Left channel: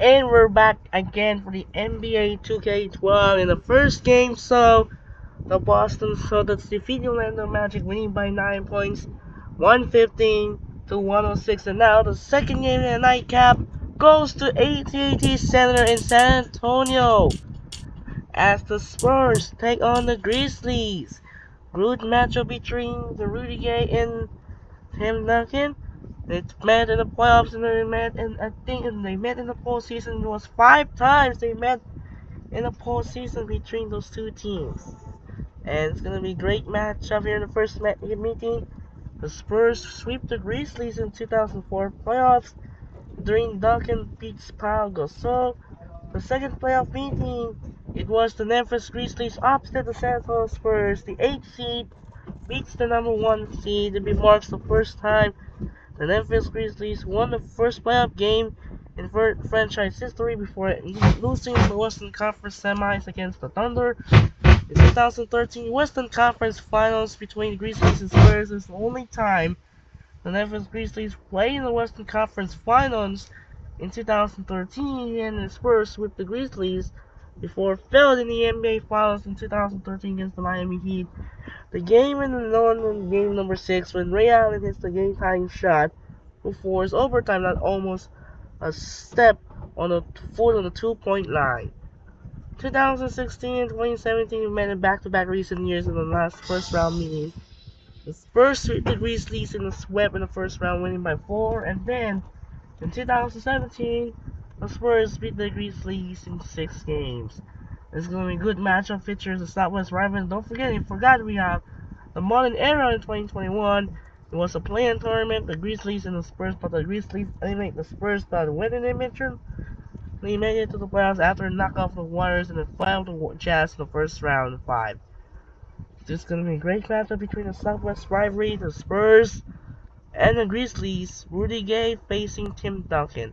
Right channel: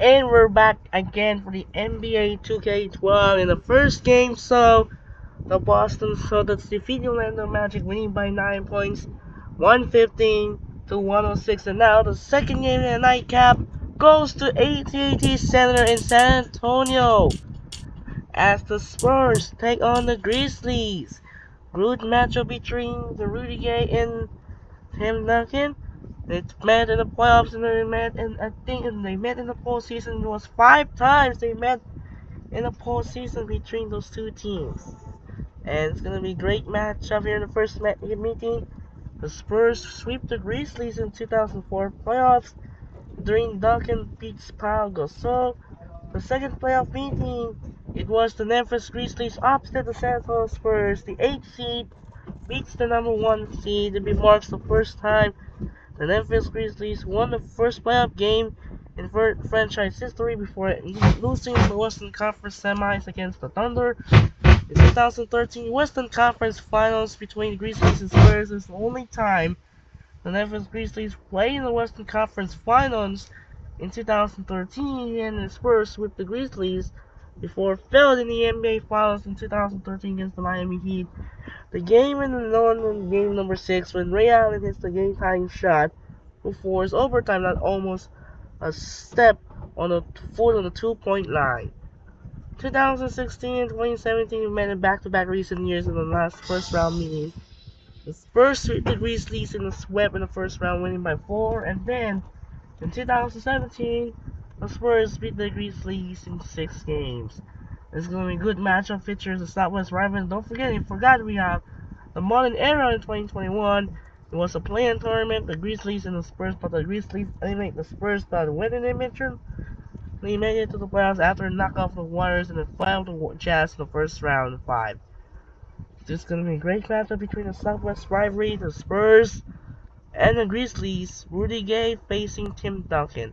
And we're back again for the NBA 2K12 in the first game. So the Boston Celtics defeat the Orlando Magic, winning by 9 points, 115 to 106. And now the second game in the nightcap goes to AT&T Center in San Antonio as the Spurs take on the Grizzlies. Good matchup between the Rudy Gay and Tim Duncan. They met in the playoffs and they met they met in the postseason. It was 5 times they met in the postseason between those two teams. And it's gonna be a great matchup here in the first meeting. The Spurs sweep the Grizzlies in 2004 playoffs during Duncan beats Pau Gasol. The second playoff meeting, it was the Memphis Grizzlies upset the San Antonio Spurs. The 8th seed beats the number 1 seed. It marks the first time the Memphis Grizzlies won the first playoff game in franchise history before losing the Western Conference semis against the Thunder. The 2013 Western Conference Finals between the Grizzlies and Spurs is the only time the Memphis Grizzlies played in the Western Conference Finals in 2013, and the Spurs swept the Grizzlies before failing in the NBA Finals in 2013 against the Miami Heat. The game in the London game number 6 when Ray Allen hits the game-tying shot before his overtime, not almost a step on the foot on the 2-point line. 2016 and 2017 met in back-to-back recent years in the last first-round meeting. The Spurs swept the Grizzlies in the sweep in the first round, winning by 4, and then in 2017, the Spurs beat the Grizzlies in 6 games. It's going to be a good matchup. Features the Southwest Rivals. Don't forget, we have the modern era in 2021. It was a play-in tournament, the Grizzlies and the Spurs, but the Grizzlies eliminate the Spurs by winning their mission. They made it to the playoffs after a knockoff the Warriors and then filed the Jazz in the first round of 5. This is going to be a great matchup between the Southwest rivalry, the Spurs, and the Grizzlies. Rudy Gay facing Tim Duncan.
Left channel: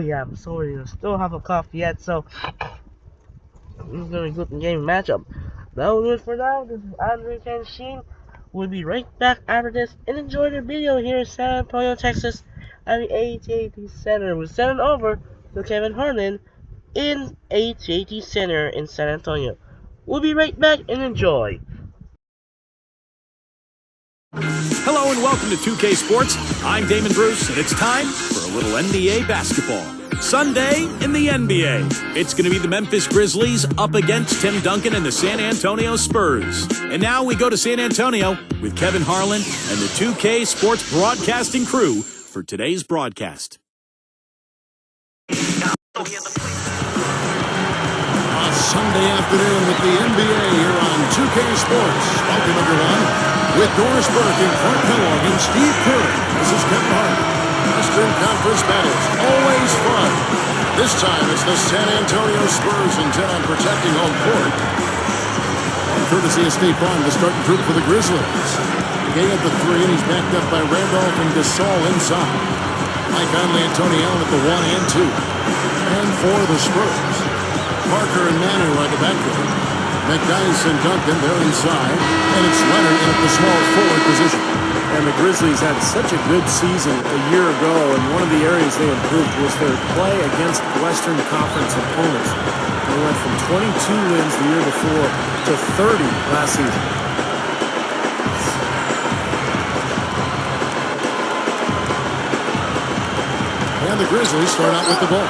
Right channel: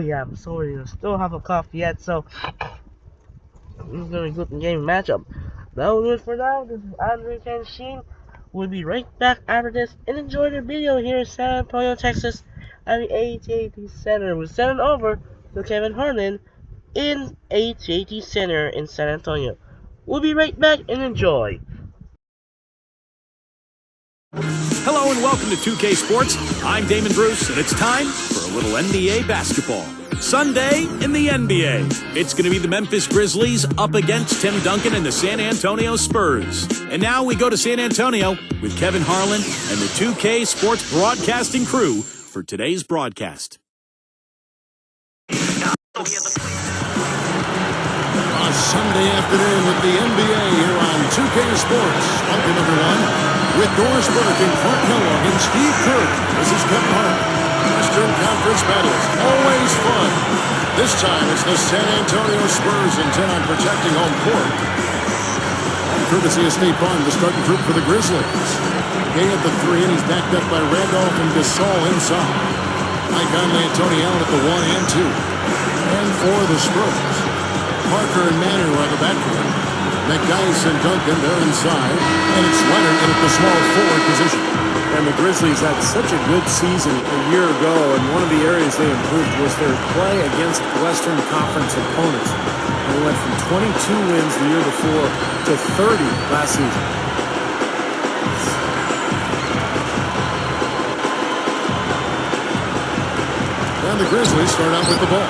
Yeah, I'm sorry, I still have a cough yet, so this is going to be a good game matchup. That will do it for now. This is Andre Kenshin. We'll be right back after this and enjoy the video here in San Antonio, Texas at the AT&T Center. We'll send it over to Kevin Harlan in AT&T Center in San Antonio. We'll be right back and enjoy. Hello and welcome to 2K Sports. I'm Damon Bruce, and it's time for a little NBA basketball. Sunday in the NBA. It's going to be the Memphis Grizzlies up against Tim Duncan and the San Antonio Spurs. And now we go to San Antonio with Kevin Harlan and the 2K Sports broadcasting crew for today's broadcast. A Sunday afternoon with the NBA here on 2K Sports. Welcome, everyone. With Doris Burke and Clark Kellogg and Steve Kerr, this is Kevin Harlan. Western Conference battles, always fun. This time it's the San Antonio Spurs intent on protecting home court. And courtesy of State Farm, the starting group for the Grizzlies. Gay at the 3, and he's backed up by Randolph and Gasol inside. Mike Conley and Tony Allen at the 1 and 2. And for the Spurs, Parker and Manu are the backcourt. McDyess and Duncan, they're inside. And it's Leonard in at the small forward position. And the Grizzlies had such a good season a year ago, and one of the areas they improved was their play against Western Conference opponents. They went from 22 wins the year before to 30 last season. And the Grizzlies start out with the ball.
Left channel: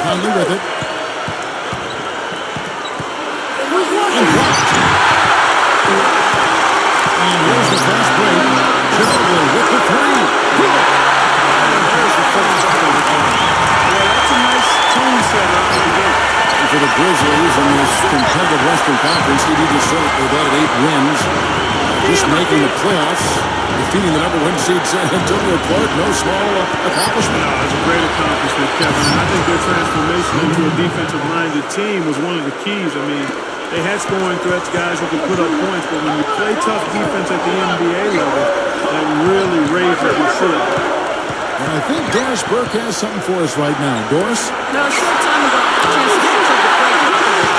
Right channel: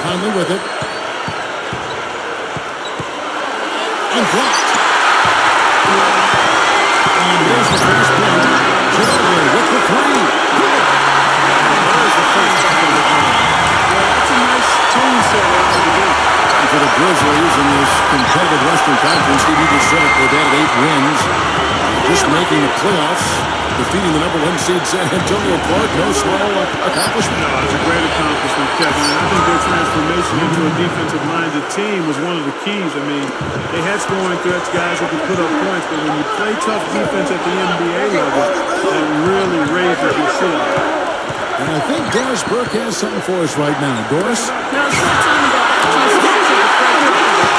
Conley with it. And blocked. And here's the fast break. Ginobili with the 3. Good. And there's the first bucket of the game. Yeah, that's a nice tone setter out of the gate. And for the Grizzlies in this competitive Western Conference, Stevie just said it, they've added 8 wins. Just making the playoffs, defeating the number 1 seed San Antonio. Clark, no small accomplishment. No, it's a great accomplishment, Kevin. And I think their transformation into a defensive-minded team was one of the keys. I mean, they had scoring threats, guys who could put up points, but when you play tough defense at the NBA level, that really raises your ceiling. And I think Doris Burke has something for us right now. Doris? Now, a short time ago, I had a chance to speak to Greg Popovich.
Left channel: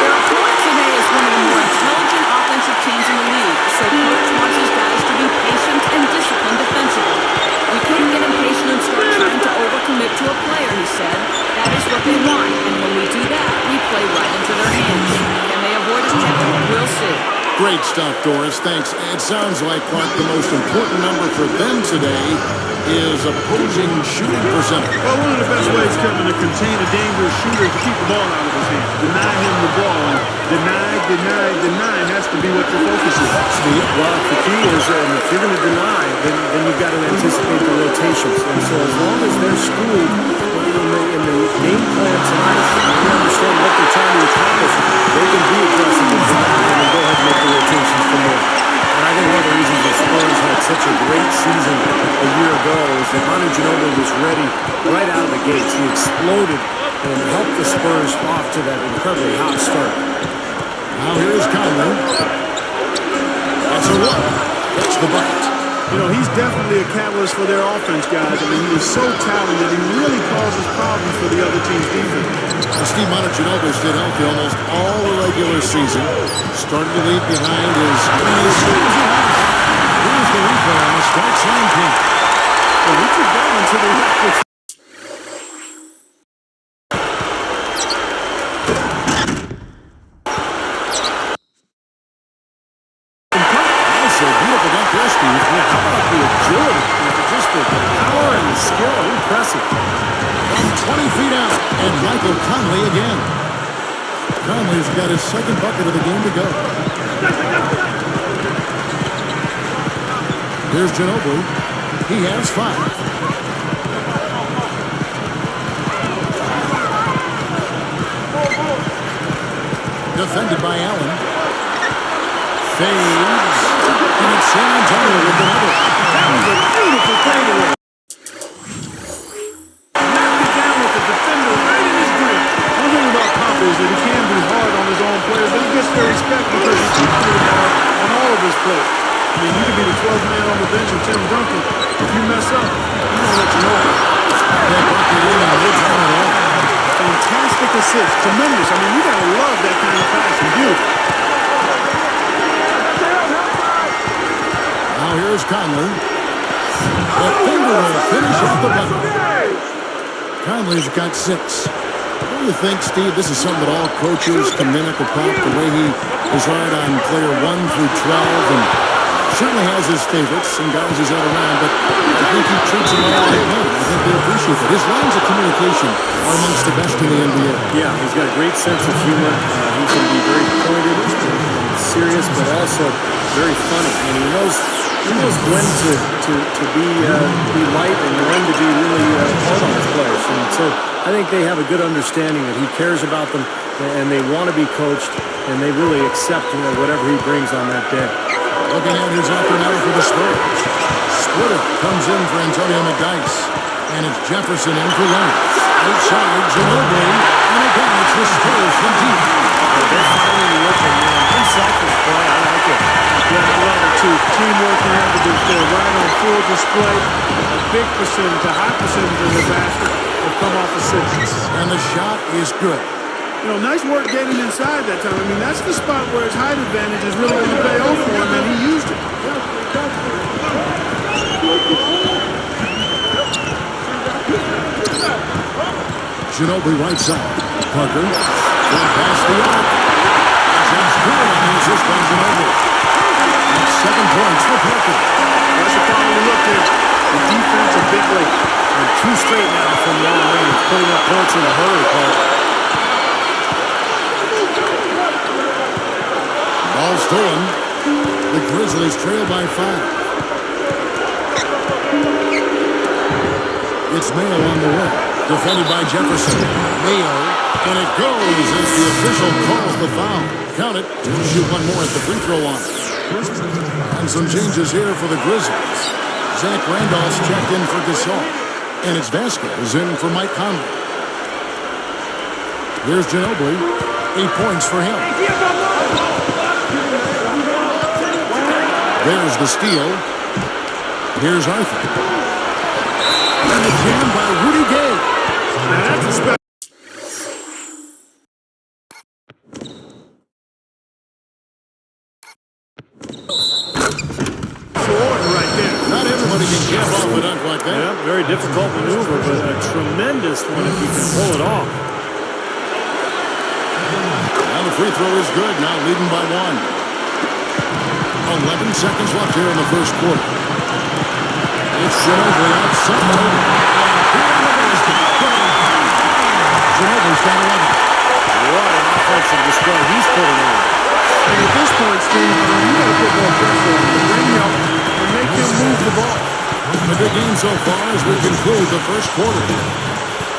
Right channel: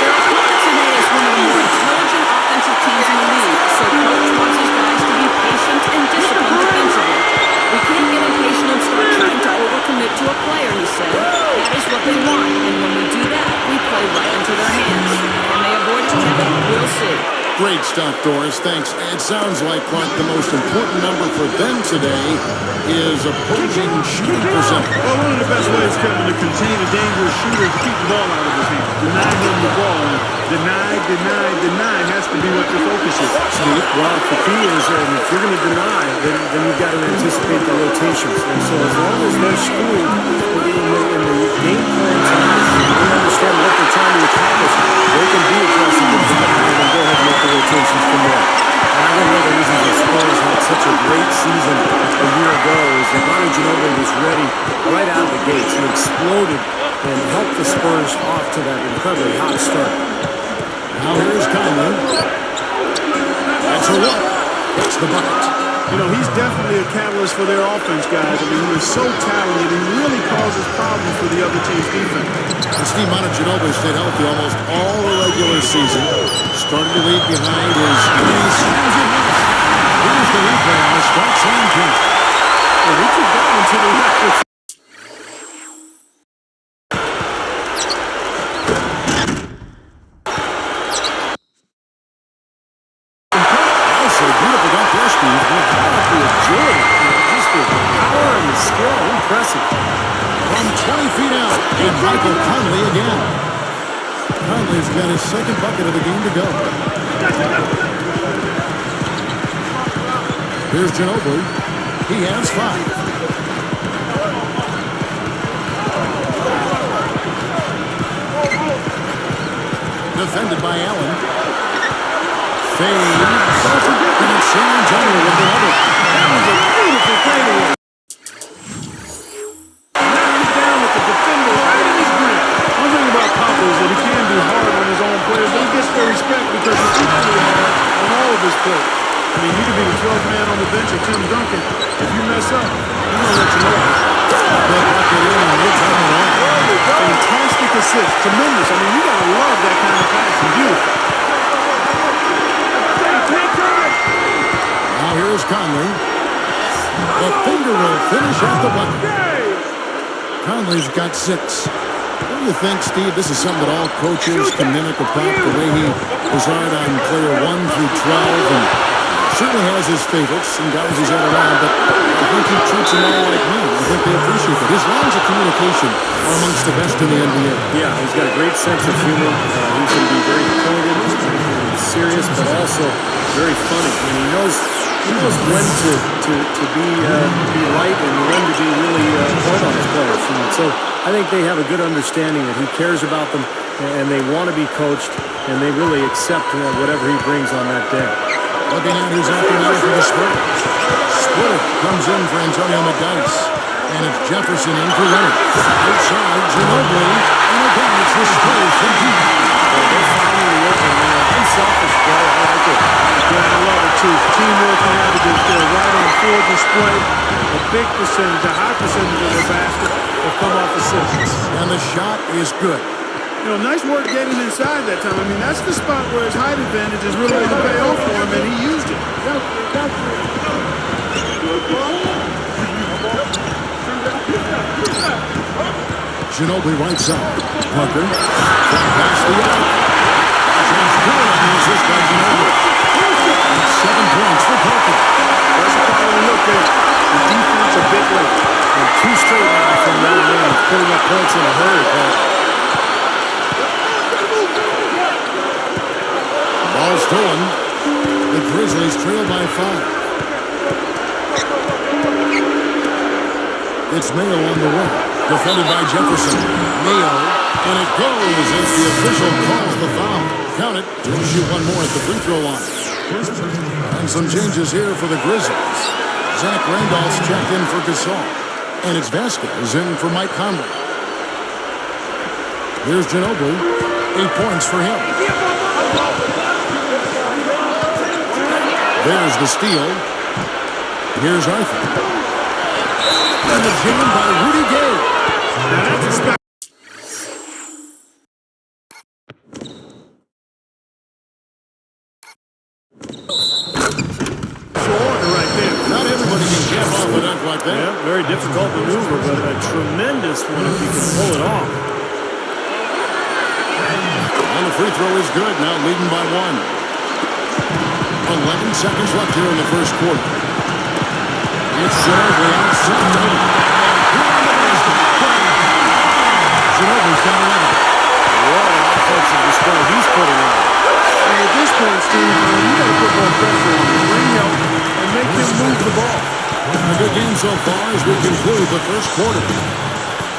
Their opponent today is one of the more intelligent offensive teams in the league, so Coach wants his guys to be patient and disciplined what they want, and when we do that, we play right into their hands. Can they avoid it, Kevin? We'll see. Great stuff, Doris. Thanks. It sounds like, Clark, the most important number for them today is opposing shooting percentage. Well, one of the best ways, Kevin, to contain a dangerous shooter is to keep the ball out of his hands. Deny him the ball, and deny has to be what your focus is. Steve? Well, the key is if you're going to deny, then you've got to anticipate the rotations. And so as long as they're schooled in the game plan tonight, and they understand what they're trying to accomplish, they can be aggressive and deny and then go ahead and make the rotations from there. And I think one of the reasons the Spurs had such a great season a year ago is that Manu Ginobili was ready right out of the gates. He exploded and helped the Spurs off to that incredibly hot start. Now here's Conley. That's a look. Hits the bucket. You know, he's definitely a catalyst for their offense, guys. I mean, he is so talented. He really causes problems for the other team's defense. And Steve Ginobili stayed healthy almost all the regular season. Started to lead behind his slams it home. Here's the replay on the strike slam king. Well, he took that one to the rack. Beautiful dunk there, Steve. Yeah, how about the agility? Just the power and the skill. Impressive. From 20 feet out, and Michael Conley again. Conley's got his second bucket of the game to go. Here's Ginobili. He has 5. Defended by Allen. Fades, and it's San Antonio with another. That was a beautiful fadeaway. Knocked it down with the defender right in his grip. One thing about Papa is that he can be hard on his own players, but he gets their respect because he's equally hard on all of his players. I mean, you could be the 12th man on the bench of Tim Duncan. If you mess up, he's going to let you know it. That bucket in and no time at all. Fantastic assist. Tremendous. I mean, you got to love that kind of passing. Beautiful. Now here's Conley. The finger roll finish at the bucket. Conley's got 6. Don't you think, Steve, this is something that all coaches can mimic or pop, the way he is hard on player 1 through 12 and certainly has his favorites and guys he's had around, but I think he treats them all like men. I think they appreciate that. His lines of communication are amongst the best in the NBA. Yeah, he's got a great sense of humor. He can be very pointed and serious, but also very funny. And he knows when to be light and when to be really hard on his players. And so I think they have a good understanding that he cares about them and they want to be coached and they really accept whatever he brings on that day. Looking at who's out there now for the Spurs. Splitter comes in for Antonio McDyess. And it's Jefferson in for Leonard. Outside, Ginobili. And again, it's the Spurs from deep. Well, they're finding the open man. Unselfish play. I like it. Yeah, I love it too. Teamwork and evidence there, right on full display. A big percentage, a high percentage of their basket have come off assists. And the shot is good. You know, nice work getting inside that time. I mean, that's the spot where his height advantage is really going to pay off for him, and he used it. Ginobili right side. Parker. One past the arc. James good on the assist by Ginobili. That's 7 points for Parker. That's a quality look there. The defense a bit late. And 2 straight now from long range, putting up points in a hurry, Paul. Ball stolen. The Grizzlies trail by 5. It's Mayo on the wing. Defended by Jefferson. Mayo. And it goes as the official calls the foul. Count it. We'll shoot one more at the free throw line. And some changes here for the Grizzlies. Zach Randolph's checked in for Gasol. And it's Vasquez in for Mike Conley. Here's Ginobili. 8 points for him. There's the steal. Here's Arthur. And the jam by Rudy Gay. Now that's a special. Order right there. Not everybody can cap off a dunk like that. Yeah, very difficult maneuver, but a tremendous one if you can pull it off. And the free throw is good. Now leading by 1. 11 seconds left here in the first quarter. It's Ginobili outside. And here on the basket. Ginobili's got 11. What an offensive display he's putting on. And at this point, Steve, you got to put more pressure on him. Bring help and make him move the ball. A good game so far as we conclude the first quarter.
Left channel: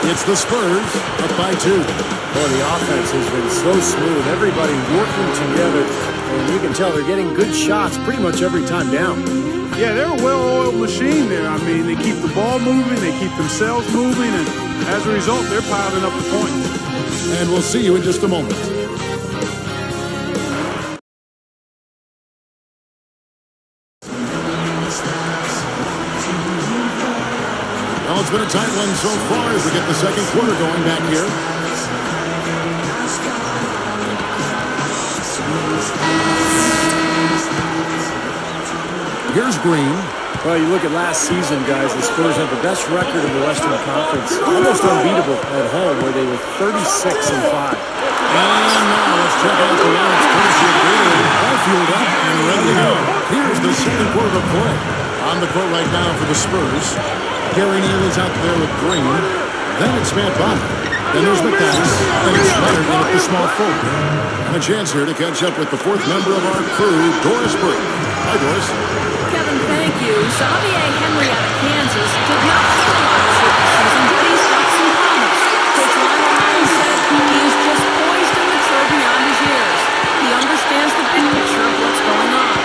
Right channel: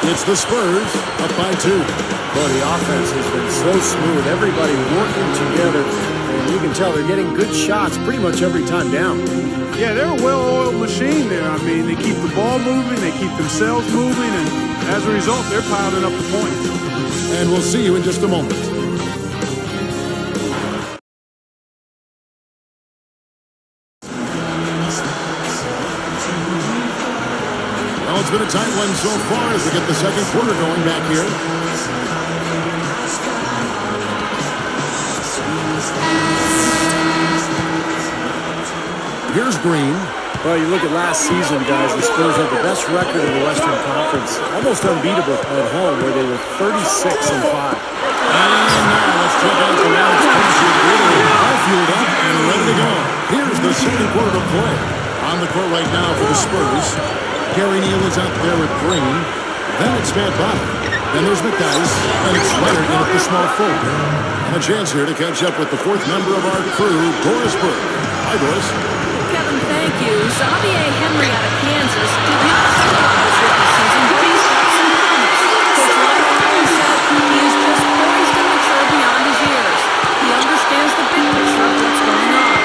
It's the Spurs up by 2. Boy, the offense has been so smooth. Everybody working together, and you can tell they're getting good shots pretty much every time down. Yeah, they're a well-oiled machine there. I mean, they keep the ball moving, they keep themselves moving, and as a result, they're piling up the points. And we'll see you in just a moment. Well, it's been a tight one so far as we get the second quarter going back here. Here's Green. Well, you look at last season, guys, the Spurs had the best record in the Western Conference, almost unbeatable at home, where they were 36-5. And now let's check out the lineups. Courtesy of Gatorade, all fueled up and ready to go. Here's the second quarter of play. On the court right now for the Spurs, Gary Neal is out there with Green. Then it's Matt Bonner. Then there's McDyess, and it's Leonard in at the small forward. And a chance here to catch up with the fourth member of our crew, Doris Burke. Hi, Doris. Kevin, thank you. Xavier Henry out of Kansas did not play a lot his rookie season, but he's got some promise. Coach Lionel Hollins said he is just poised and mature beyond his years. He understands the big picture of what's going on.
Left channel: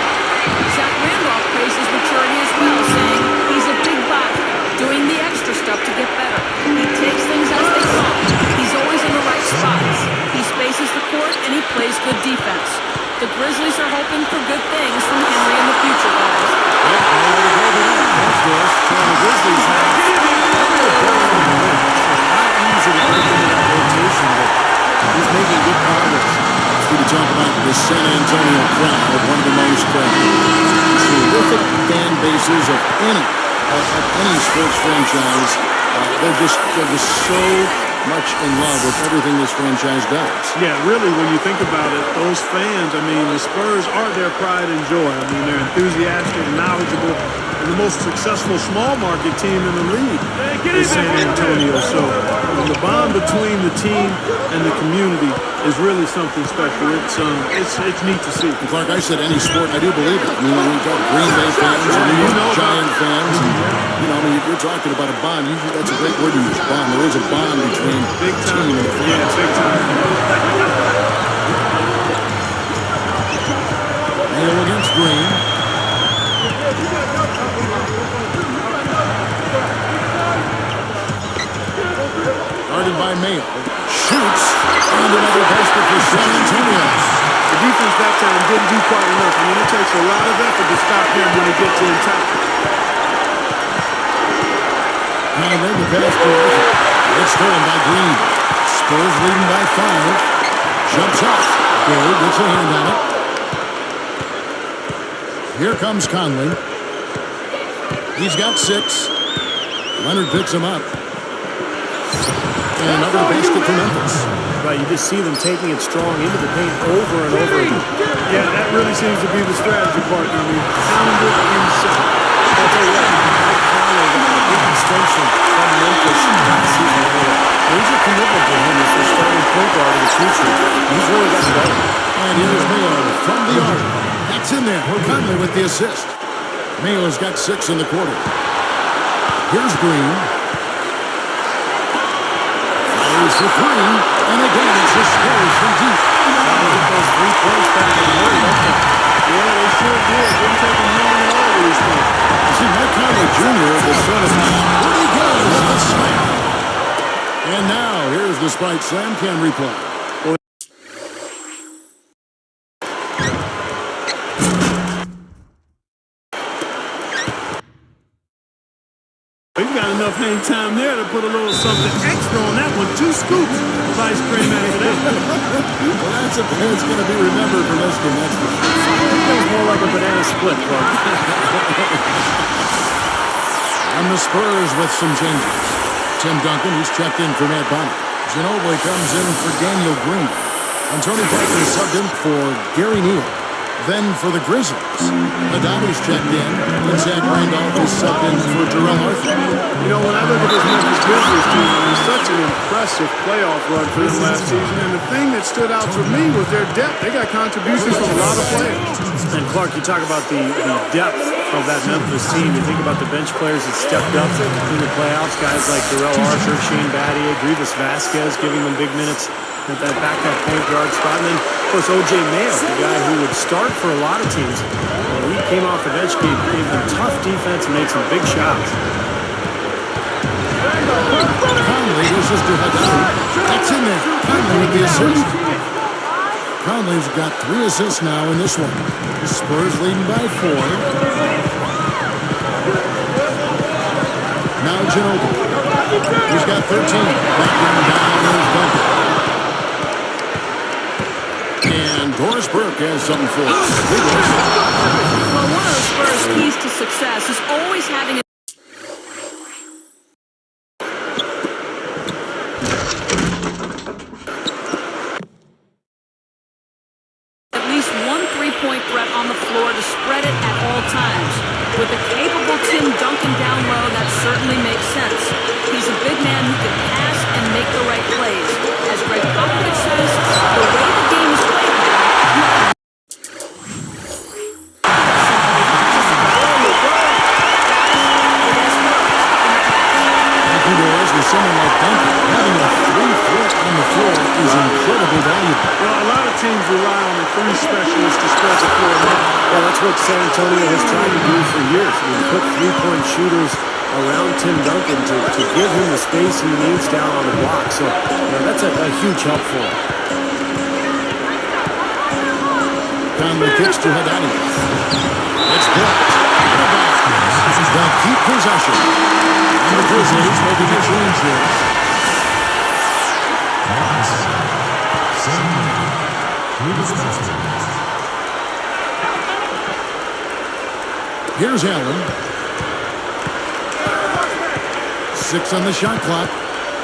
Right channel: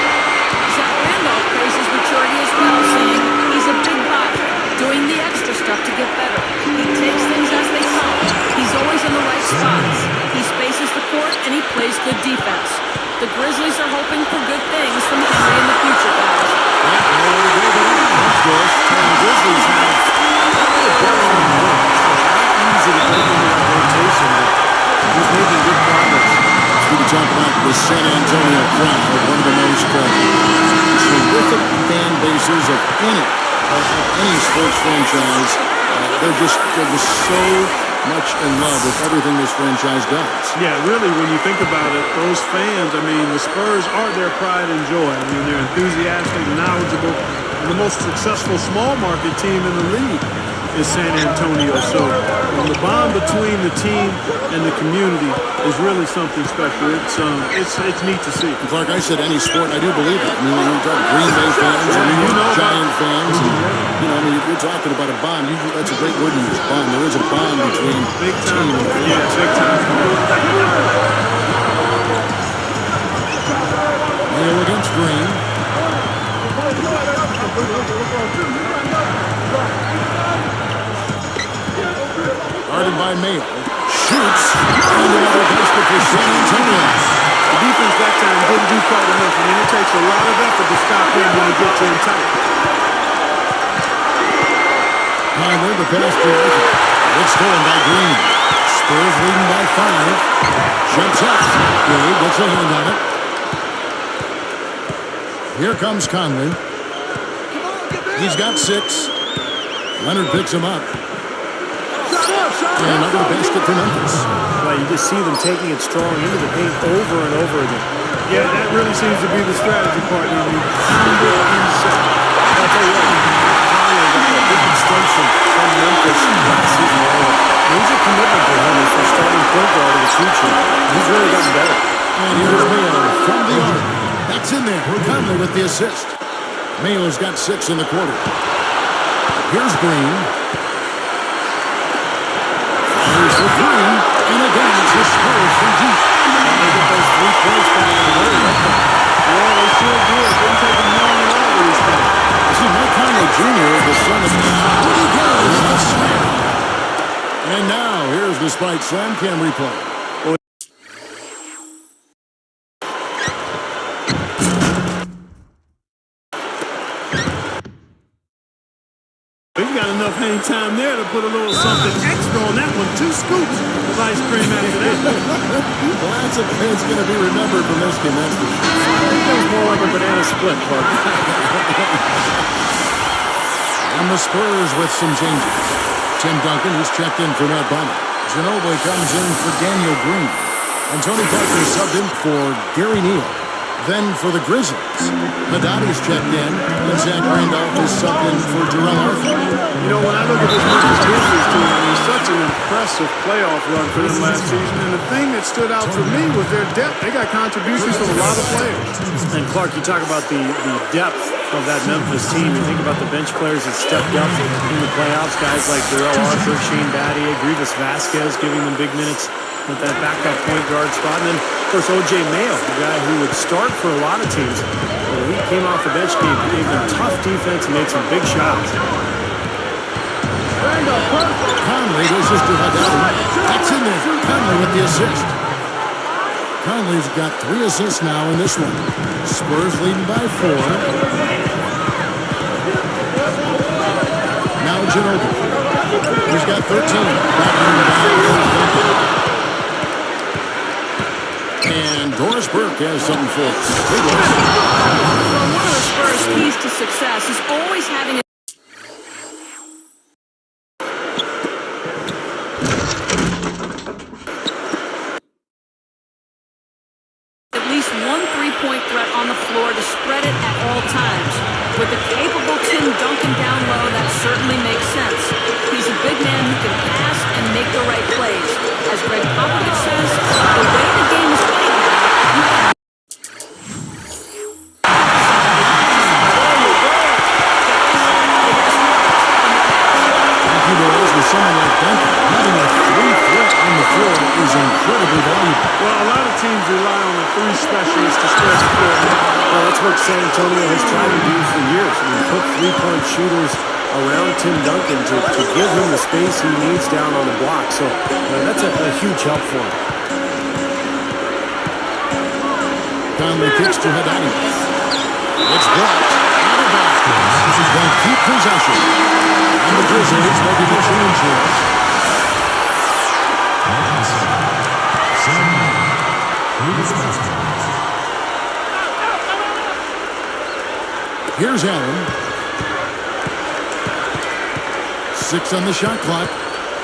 Zach Randolph praised his maturity as well, saying he's a big body, doing the extra stuff to get better. He takes things as they come. He's always in the right spots. He spaces the court, and he plays good defense. The Grizzlies are hoping for good things from Henry in the future, guys. Well, nowhere to go but up. Thanks, Doris. The Grizzlies have a belly on the wing, so not easy to break into that rotation, but he's making good progress. We can talk about the San Antonio crowd, one of the most terrific fan bases of any sports franchise. They're just so much in love with everything this franchise does. Yeah, really, when you think about it, those fans, I mean, the Spurs are their pride and joy. I mean, they're enthusiastic, knowledgeable, and the most successful small market team in the league is San Antonio. So the bond between the team and the community is really something special. It's neat to see. And Clark, I said any sport, and I do believe it. I mean, when you talk Green Bay fans or New York Giant fans, and, I mean, you're talking about a bond. That's a great word to use, bond. There is a bond between big time. team and fans. Yeah, big time. Neal against Green. Guarded by Mayo. Shoots. And another basket for San Antonio. The defense that time didn't do quite enough. I mean, it takes a lot of effort to stop him when he gets in tight. Conley, the pass to Arthur. It's stolen by Green. Spurs leading by 5. Jumps up. Gay gets a hand on it. Here comes Conley. He's got 6. Leonard picks him up. And another basket for Memphis. Right, you just see them taking it strong into the paint over and over again. Yeah, that really seems to be the strategy, partner. I mean, pound it inside. I'll tell you what, Mike Conley got a big extension from Memphis last season. They made a major commitment to him as their starting point guard in the future. He's really gotten better. And here's Mayo from the arc. That's in there. Conley with the assist. Mayo's got 6 in the quarter. Here's Green. Fires for 3. And again, it's the Spurs from deep. Trying to get those 3 points back in a hurry, don't they? Yeah, they sure did. Didn't take them long at all to respond. I see Mike Conley Jr., the son of Woody Go with the slam. And now, here's the Sprite Slam Cam replay. He's got enough hang time there to put a little something extra on that one. 2 scoops of ice cream after that. Well, that's going to be remembered from this game, that's for sure. I think that was more like a banana split, Clark. And the Spurs with some changes. Tim Duncan, he's checked in for Matt Bonner. Ginobili comes in for Daniel Green. And Tony Parker subbed in for Gary Neal. Then for the Grizzlies, Haddadi's checked in, and Zach Randolph is subbed in for Darrell Arthur. You know, when I look at this Memphis Grizzlies team, I mean, such an impressive playoff run for them last season. And the thing that stood out for me was their depth. They got contributions from a lot of players. And Clark, you talk about the depth of that Memphis team. You think about the bench players that stepped up in the playoffs, guys like Darrell Arthur, Shane Battier, Grievous Vasquez, giving them big minutes at that backup point guard spot. And then, of course, O.J. Mayo, the guy who would start for a lot of teams. When he came off the bench, gave them tough defense and made some big shots. Conley loses to Haddadi. That's in there. Conley with the assist. Conley's got 3 assists now in this one. Spurs leading by 4. Now Ginobili. He's got 13. Backing down is Duncan. And Doris Burke has something for us. Well, one of the Spurs' keys to success is always having a at least one three-point threat on the floor to spread it at all times. With a capable Tim Duncan down low, that certainly makes sense. He's a big man who can pass and make the right plays. As Greg Popovich says, the way the game is played now, you have it has worked in the past. Thank you, Doris. With someone like Duncan, having a 3-threat on the floor is incredibly valuable. Well, a lot of teams rely on a 3 specialist to spread the floor now. Well, that's what San Antonio has tried to do for years. I mean, put three-point shooters around Tim Duncan to give him the space he needs down on the block. So that's a huge help for him. Conley kicks to Haddadi. It's blocked. Out of bounds. They'll keep possession. And the Grizzlies making a change here. Here's Allen. 6 on the shot clock.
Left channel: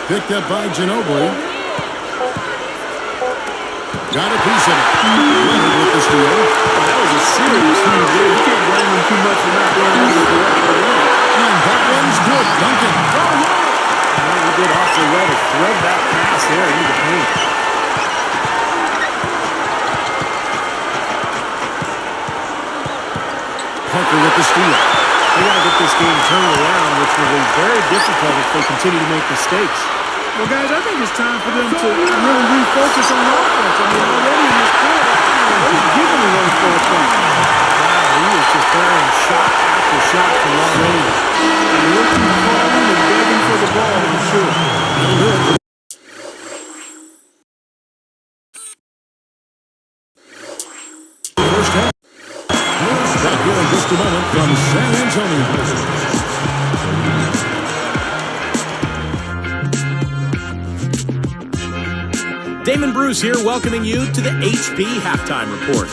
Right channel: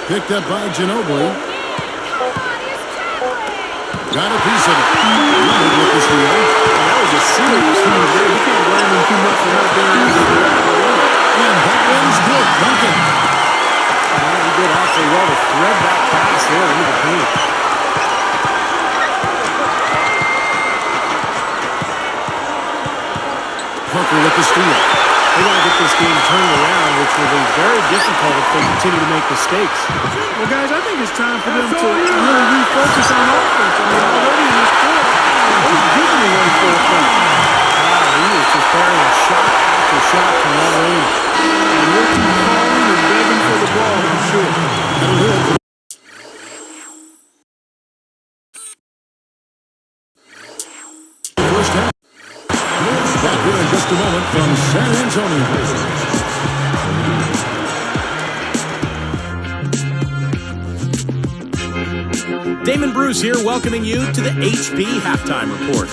Picked up by Ginobili. Got a piece of it. Leonard with the steal. Well, that was a serious move there. You can't blame him too much for not being able to corral it in. And that one's good. Duncan. Well, he did awfully well to thread that pass there into the paint. Parker with the steal. They got to get this game turned around, which will be very difficult if they continue to make mistakes. Well, guys, I think it's time for them to really refocus on offense. I mean, already in this quarter, they've given away 4 points. Wow, he was just burying shot after shot from long range. And he'll keep calling and begging for the ball, I'm sure. That'll do it. First half. Back here in just a moment from San Antonio. Damon Bruce here, welcoming you to the HP Halftime Report.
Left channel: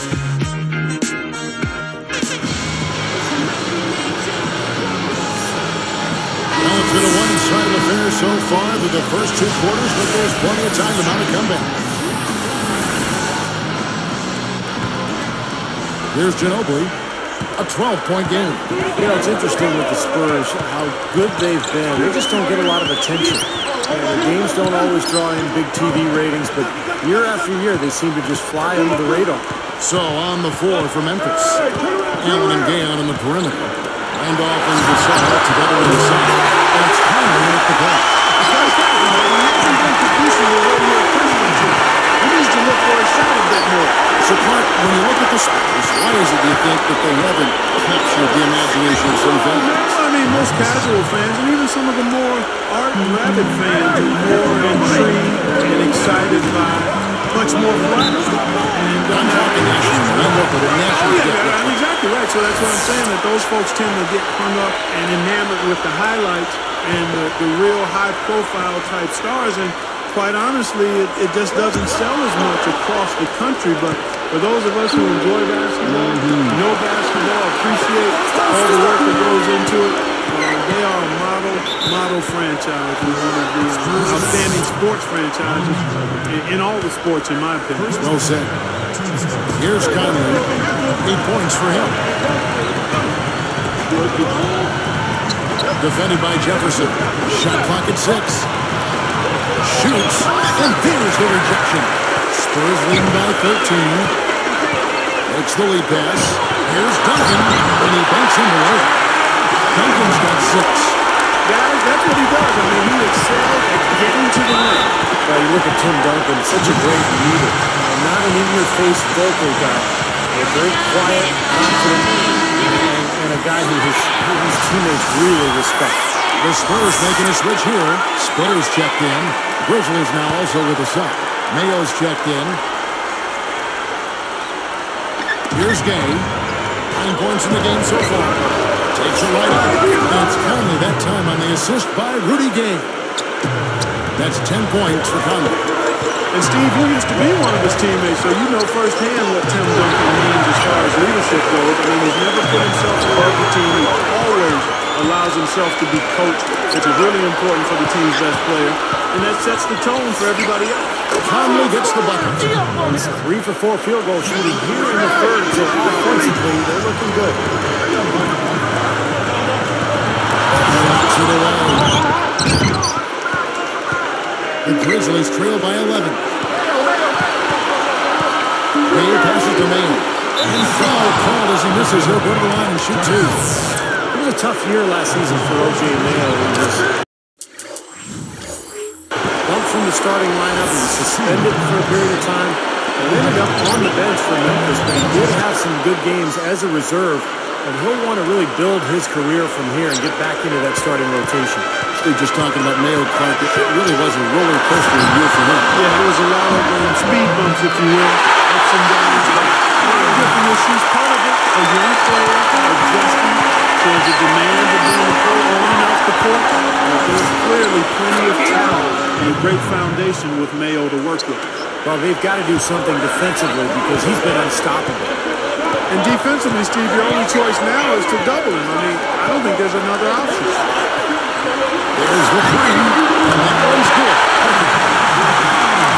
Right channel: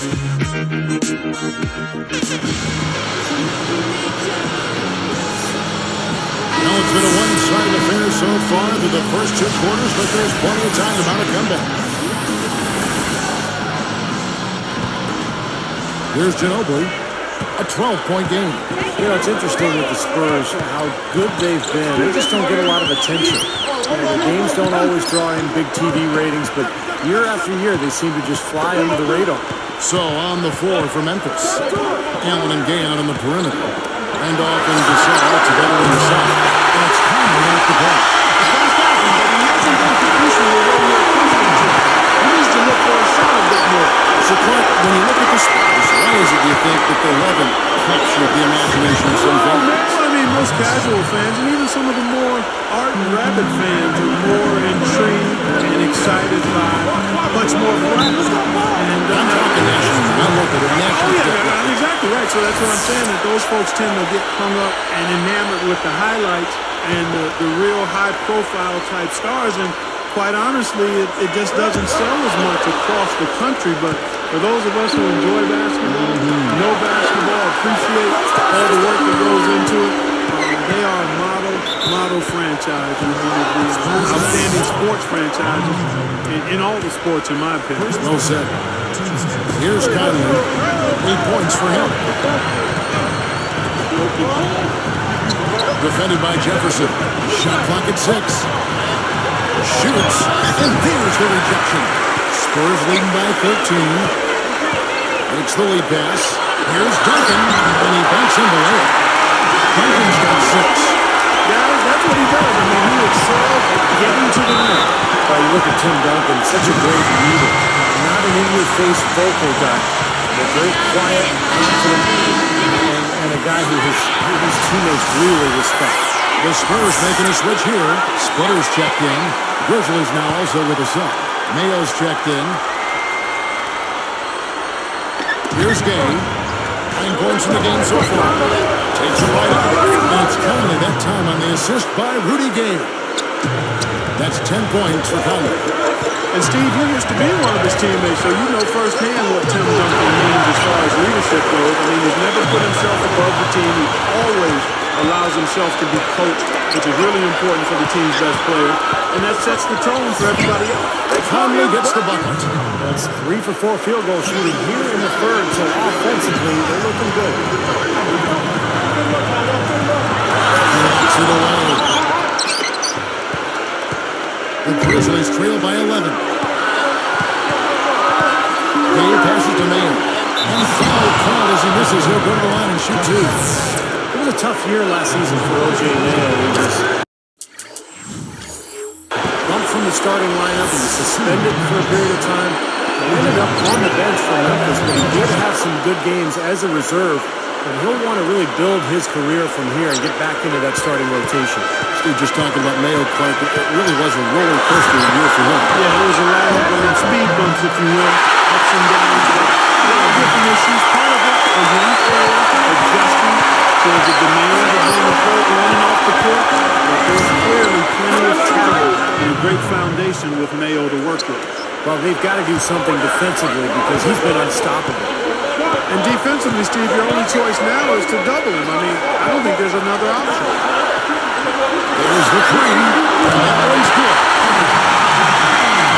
Well, it's been a one-sided affair so far through the first 2 quarters, but there's plenty of time to mount a comeback. Here's Ginobili. A 12-point game. You know, it's interesting with the Spurs how good they've been. They just don't get a lot of attention. Their games don't always draw in big TV ratings, but year after year, they seem to just fly under the radar. So on the floor for Memphis. Allen and Gay out on the perimeter. Randolph and Gasol together in the side. And it's Conley in at the block. It's not happening, but he hasn't been producing the way you're accustomed to. He needs to look for a shot a bit more. So, Clark, when you look at the Spurs, why is it, do you think, that they haven't captured the imagination of some fans? Well, I mean, most casual fans and even some of the more ardent, rabid fans are more intrigued and excited by much more flash. And I'm talking national, not local, but national. Oh, yeah, I'm exactly right. So that's what I'm saying, that those folks tend to get hung up and enamored with the highlights and the real high-profile type stars. And quite honestly, it just doesn't sell as much across the country. But for those of us who enjoy basketball, know basketball, appreciate all the work that goes into it, They are a model franchise and one of the outstanding sports franchises in all the sports, in my opinion. Well said. Here's Conley. 8 points for him. Defended by Jefferson. Shot clock at 6. Shoots. And there's the rejection. Spurs leading by 13. Makes the lead pass. Here's Duncan. And he banks in the layup. Duncan's got 6. Guys, that's what he does. I mean, he excels at getting to the rim. Well, you look at Tim Duncan, such a great leader. Not an in-your-face vocal guy. A very quiet, confident, and a guy who his teammates really respect. The Spurs making a switch here. Splitters checked in. Grizzlies now also with a sub. Mayo's checked in. Here's Gay. 9 points in the game so far. Takes it right up. And it's Conley that time on the assist by Rudy Gay. That's 10 points for Conley. And Steve, you used to be one of his teammates, so you know firsthand what Tim Duncan means as far as leadership goes. I mean, he's never put himself above the team. He always allows himself to be coached, which is really important for the team's best player. And that sets the tone for everybody else. Conley gets the bucket. It's 3 for 4 field goal shooting here in the third, so offensively, they're looking good. Knocks it away. The Grizzlies trail by 11. Gay passes to Mayo. And foul called as he misses. He'll go to the line and shoot 2. It was a tough year last season for O.J. Mayo. He was bumped from the starting lineup. He was suspended for a period of time. He ended up on the bench for Memphis, but he did have some good games as a reserve. And he'll want to really build his career from here and get back into that starting rotation. Steve, just talking about Mayo Clark, it really was a roller coaster year for him. Yeah, it was a lot of speed bumps, if you will, ups and downs, but a lot of different issues. Part of it, a young player adjusting to the demands of being a pro on and off the court. But there's clearly plenty of talent and a great foundation with Mayo to work with. Well, they've got to do something defensively because he's been unstoppable. And defensively, Steve, your only choice now is to double him. I mean, I don't think there's another option. There's the 3, and that one's good.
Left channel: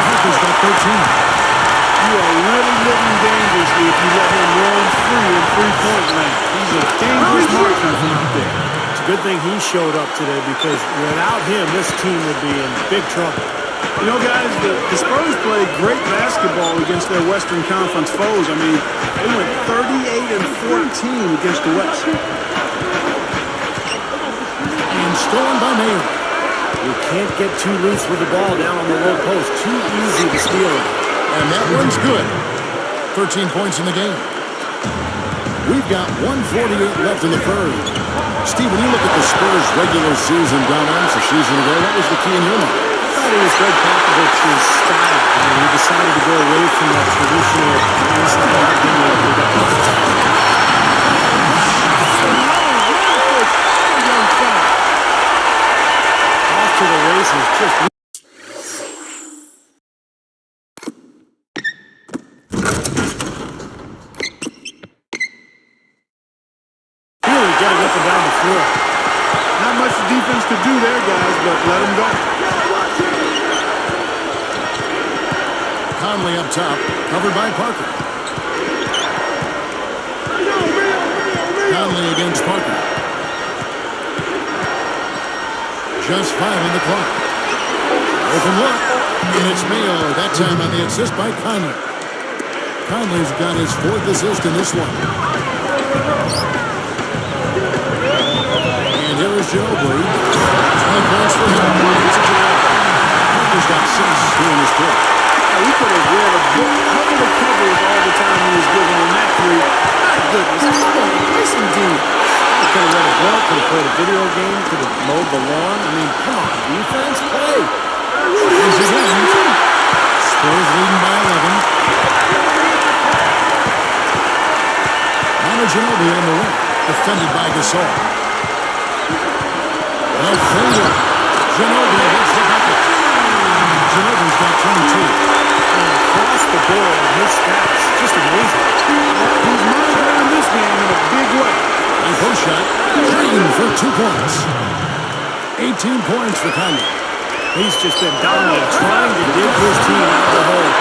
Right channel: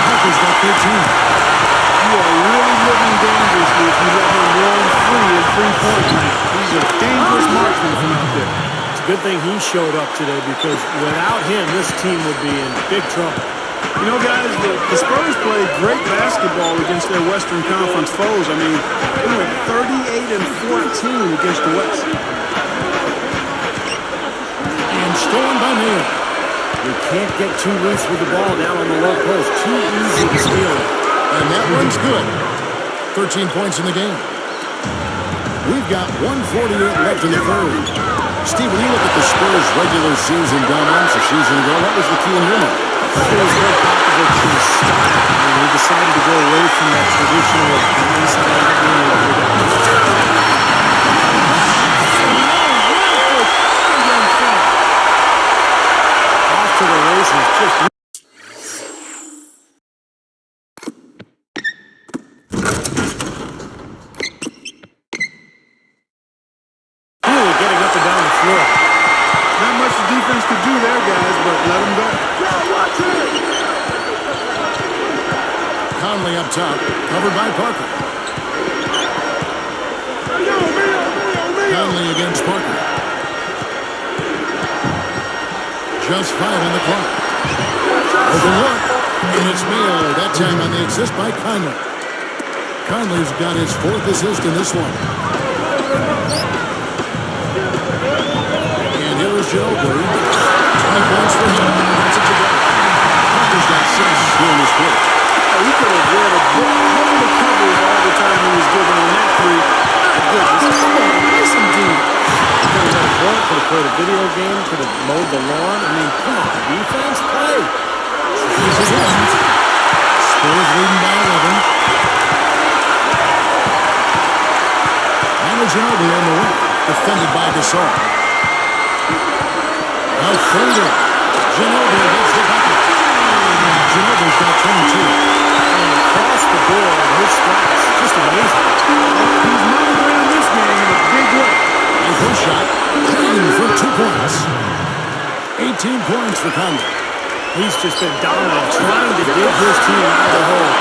Parker's got 13. You are really living dangerously if you let him roam free in three-point land. He's a dangerous marksman from out there. It's a good thing he showed up today because without him, this team would be in big trouble. You know, guys, the Spurs played great basketball against their Western Conference foes. I mean, they went 38-14 against the West. And stolen by Mayo. You can't get too loose with the ball down on the low post. Too easy to steal it. And that one's good. 13 points in the game. We've got 1:48 left in the third. Steve, when you look at the Spurs' regular season dominance a season ago, what was the key in your mind? I thought it was Greg Popovich's style. I mean, he decided to go away from that traditional inside-out game that we got. Young fella. Off to the races, just... really getting up and down the floor. Not much the defense could do there, guys, but let them go. Conley up top, covered by Parker. Conley against Parker. Just 5 on the clock. Open look, and it's Mayo, that time on the assist by Conley. Conley's got his 4th assist in this one. And here is Ginobili. 20 points for him. Gets it to go. Parker's got 6 doing this quarter. He could have read a book cover to cover with all the time he was given on that 3. My goodness, come on, play some D. Could have read a book, could have played a video game, could have mowed the lawn. I mean, come on, defense, play. He's again. Spurs leading by 11. Manu Ginobili on the wing. Defended by Gasol. A fader. Ginobili gets the bucket. Ginobili's got 22. And across the board, his stats, just amazing. He's monogrammed this game in a big way. High post shot. Green for 2 points. 18 points for Conley. He's just been dominant, trying to dig his team out of the hole.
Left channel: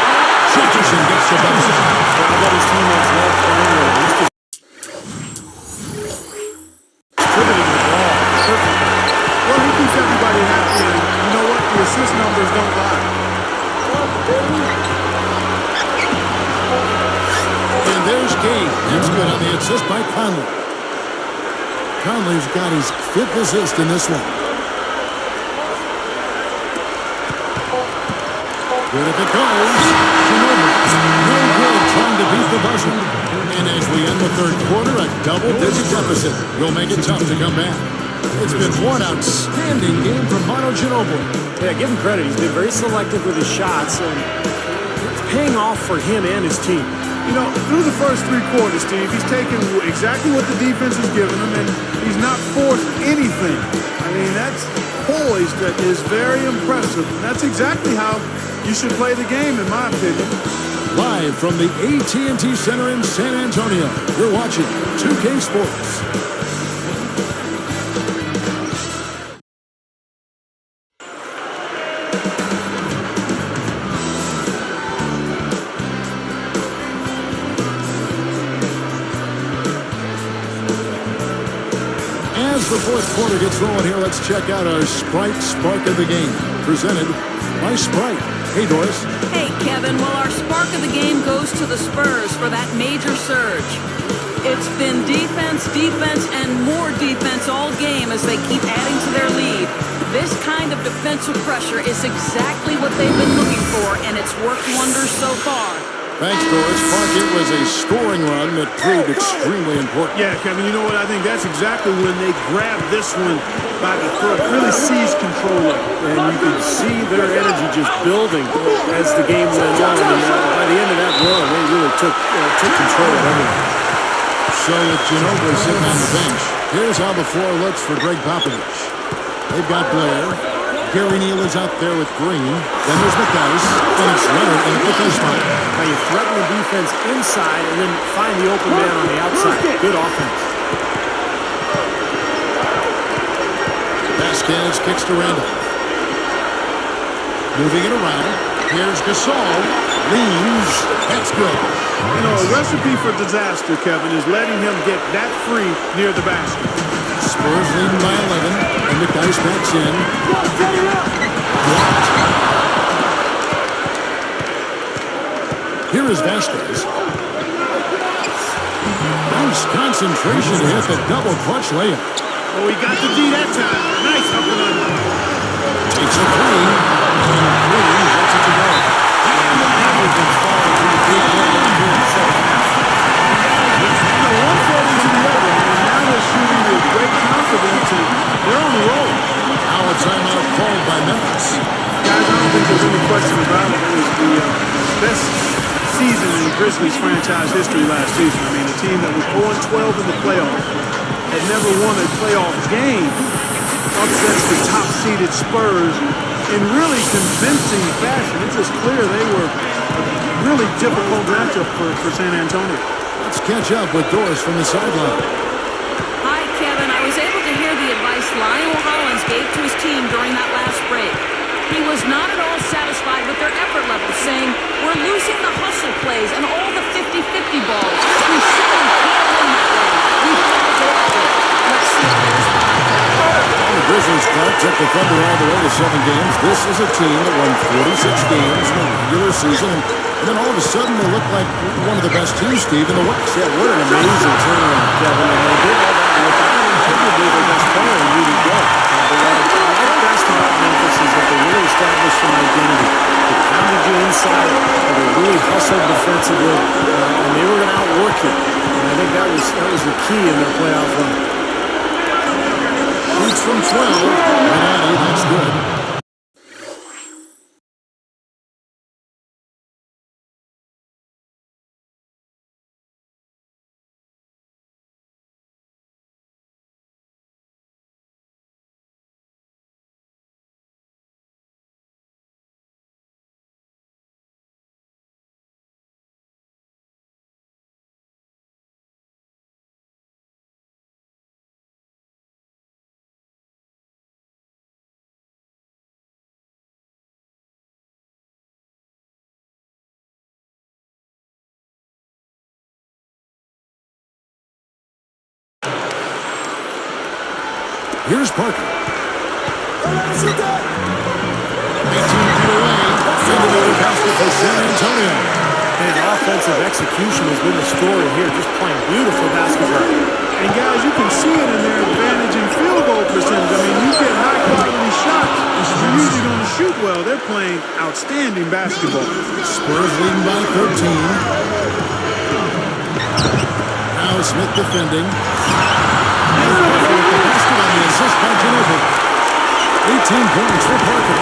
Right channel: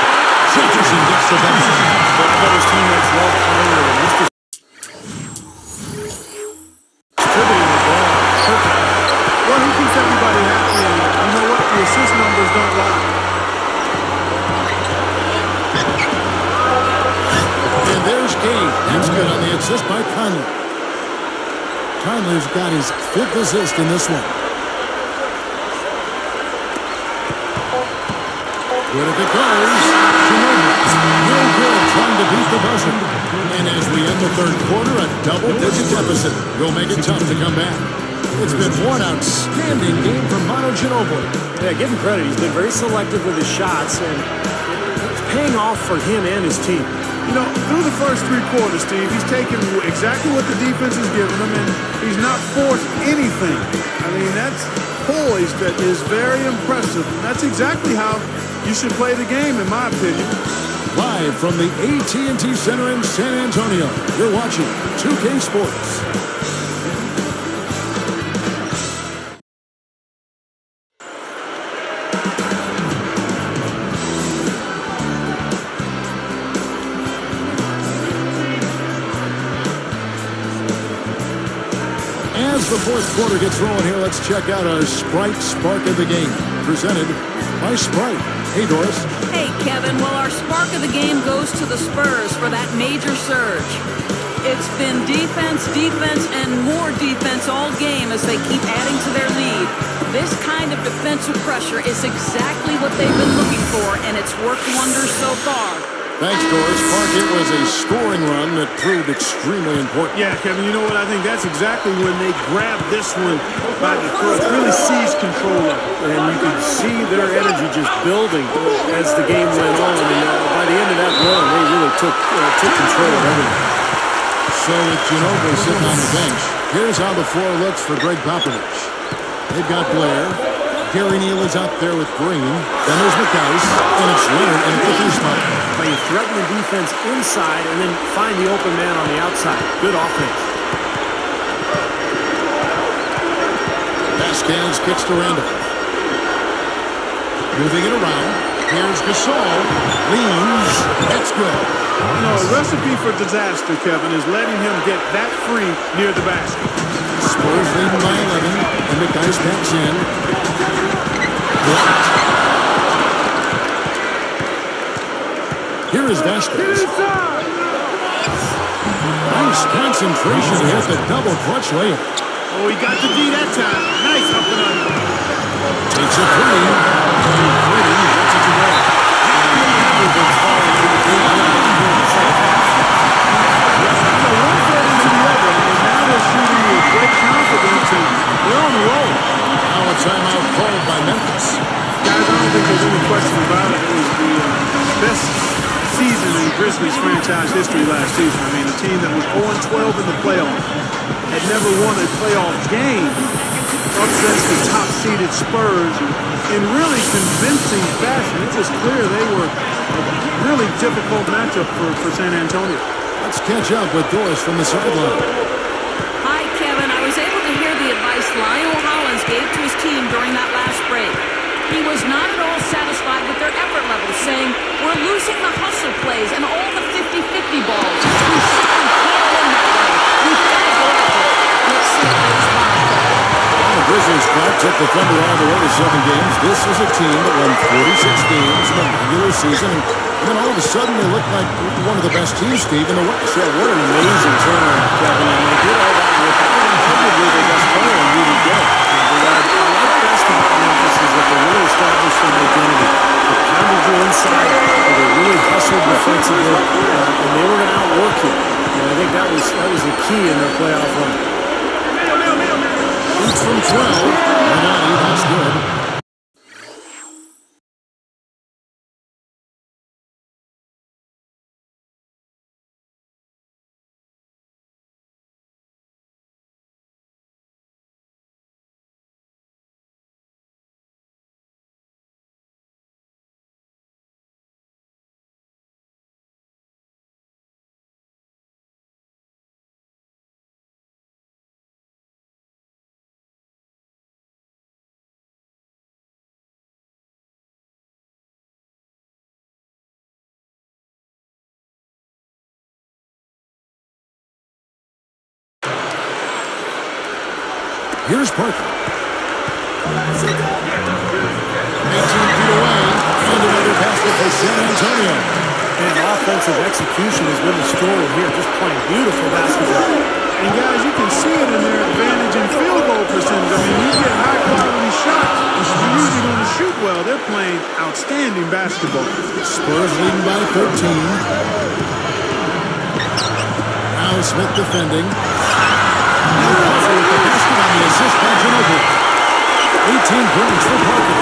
Jefferson gets the bucket. But I bet his teammates love playing with him. He's just distributing the ball perfectly. Well, he keeps everybody happy, and you know what? The assist numbers don't lie. And there's Gay. That's good on the assist by Conley. Conley's got his 5th assist in this one. Good if it goes. Ginobili. No good trying to beat the buzzer. And as we end the 3rd quarter, a double-digit deficit will make it tough to come back. It's been one outstanding game from Manu Ginobili. Yeah, give him credit. He's been very selective with his shots, and it's paying off for him and his team. You know, through the first 3 quarters, Steve, he's taken exactly what the defense has given him, and he's not forced anything. I mean, that's poise that is very impressive. And that's exactly how you should play the game, in my opinion. Live from the AT&T Center in San Antonio, you're watching 2K Sports. As the 4th quarter gets rolling here, let's check out our Sprite Spark of the Game, presented by Sprite. Hey, Doris. Hey, Kevin. Well, our spark of the game goes to the Spurs for that major surge. It's been defense, defense, and more defense all game as they keep adding to their lead. This kind of defensive pressure is exactly what they've been looking for, and it's worked wonders so far. Thanks, Doris. Park, it was a scoring run that proved extremely important. Yeah, Kevin, you know what? I think that's exactly when they grabbed this one by the throat, really seized control of it. And you could see their energy just building as the game went on. And by the end of that run, they really took control of everything. So with Ginobili sitting on the bench, here's how the floor looks for Greg Popovich. They've got Blair. Gary Neal is out there with Green. Then there's McDyess, and it's Leonard in the 3 spot. Now you threaten the defense inside and then find the open man on the outside. Good offense. Vasquez kicks to Randolph. Moving it around. Here's Gasol. Leans. That's good. You know, a recipe for disaster, Kevin, is letting him get that free near the basket. Spurs leading by 11, and McDyess backs in. Blocked. Here is Vasquez. Nice concentration to hit the double clutch layup. Oh, he got the D that time. Nice up and under. Takes a 3, and Green lets it to go. Everything's falling through the deep level here in the second half. You know, one fed into the other. I mean, now they're shooting with great confidence, and they're on the roll. Now a timeout called by Memphis. Guys, I don't think there's any question about it. It was the best season in Grizzlies franchise history last season. I mean, a team that was 0-12 in the playoffs, had never won a playoff game, upsets the top-seeded Spurs in really convincing fashion. It was clear they were a really difficult matchup for San Antonio. Let's catch up with Doris from the sideline. Hi, Kevin. I was able to hear the advice Lionel Hollins gave to his team during that last break. He was not at all satisfied with their effort levels, saying, "We're losing the hustle plays and all the 50-50 balls. We simply can't win that way. We've got to get after it." Let's see how they respond, Kevin. Well, the Grizzlies, Clark, took the Thunder all the way to 7 games. This is a team that won 46 games in the regular season, and then all of a sudden they look like one of the best teams, Steve, in the West. Yeah, what an amazing turnaround, Kevin. And they did all that without arguably their best player in Rudy Gay. What I like best about Memphis is that they really established an identity. They pounded you inside, and they really hustled defensively, and they were going to outwork you. And I think that was the key in their playoff run. Shoots from 12. That's good. Here's Parker. 18 feet away, and another basket for San Antonio. And offensive execution has been the story here, just playing beautiful basketball. And guys, you can see it in their advantage in field goal percentage. I mean, you get high quality shots, you're usually going to shoot well. They're playing outstanding basketball. Spurs leading by 13. Now Smith defending. And Parker with the basket on the assist by Ginobili. 18 points for Parker.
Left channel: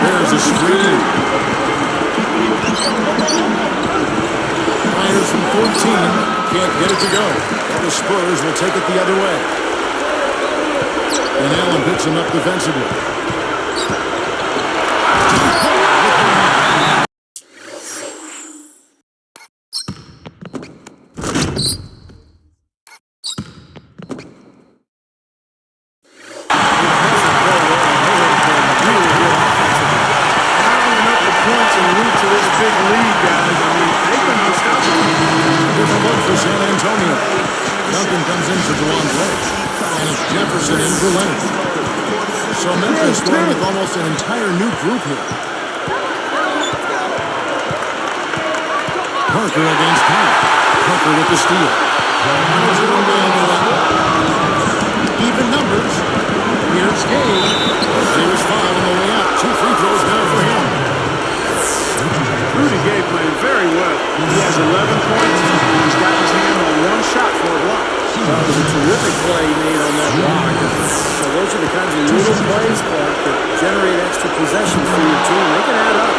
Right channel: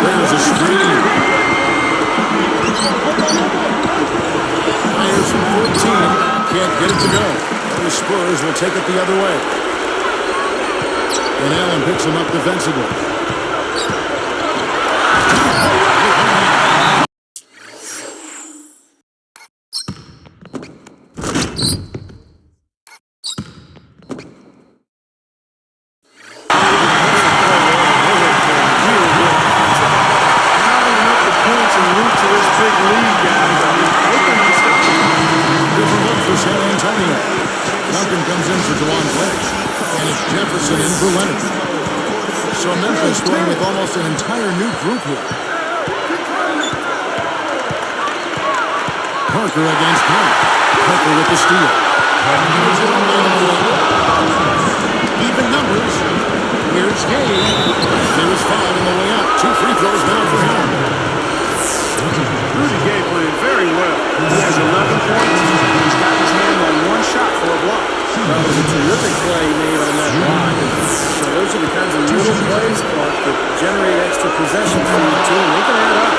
There's a screen. Fires from 14. Can't get it to go. Well, the Spurs will take it the other way. And Allen picks him up defensively. Points en route to this big lead, guys. I mean, they've been unstoppable. Different look for San Antonio. Duncan comes in for DeJuan Blake. And it's Jefferson in for Leonard. So Memphis going with almost an entire new group here. Parker against Conley. Parker with the steal. Even numbers. Here's Gay. He was fouled on the way up. 2 free throws now for him. Rudy Gay playing very well. He has 11 points. He's got his hand on one shot for a block. That was a terrific play he made on that block. And so those are the kinds of little plays, Clark, that generate extra possessions for your team. They can add up.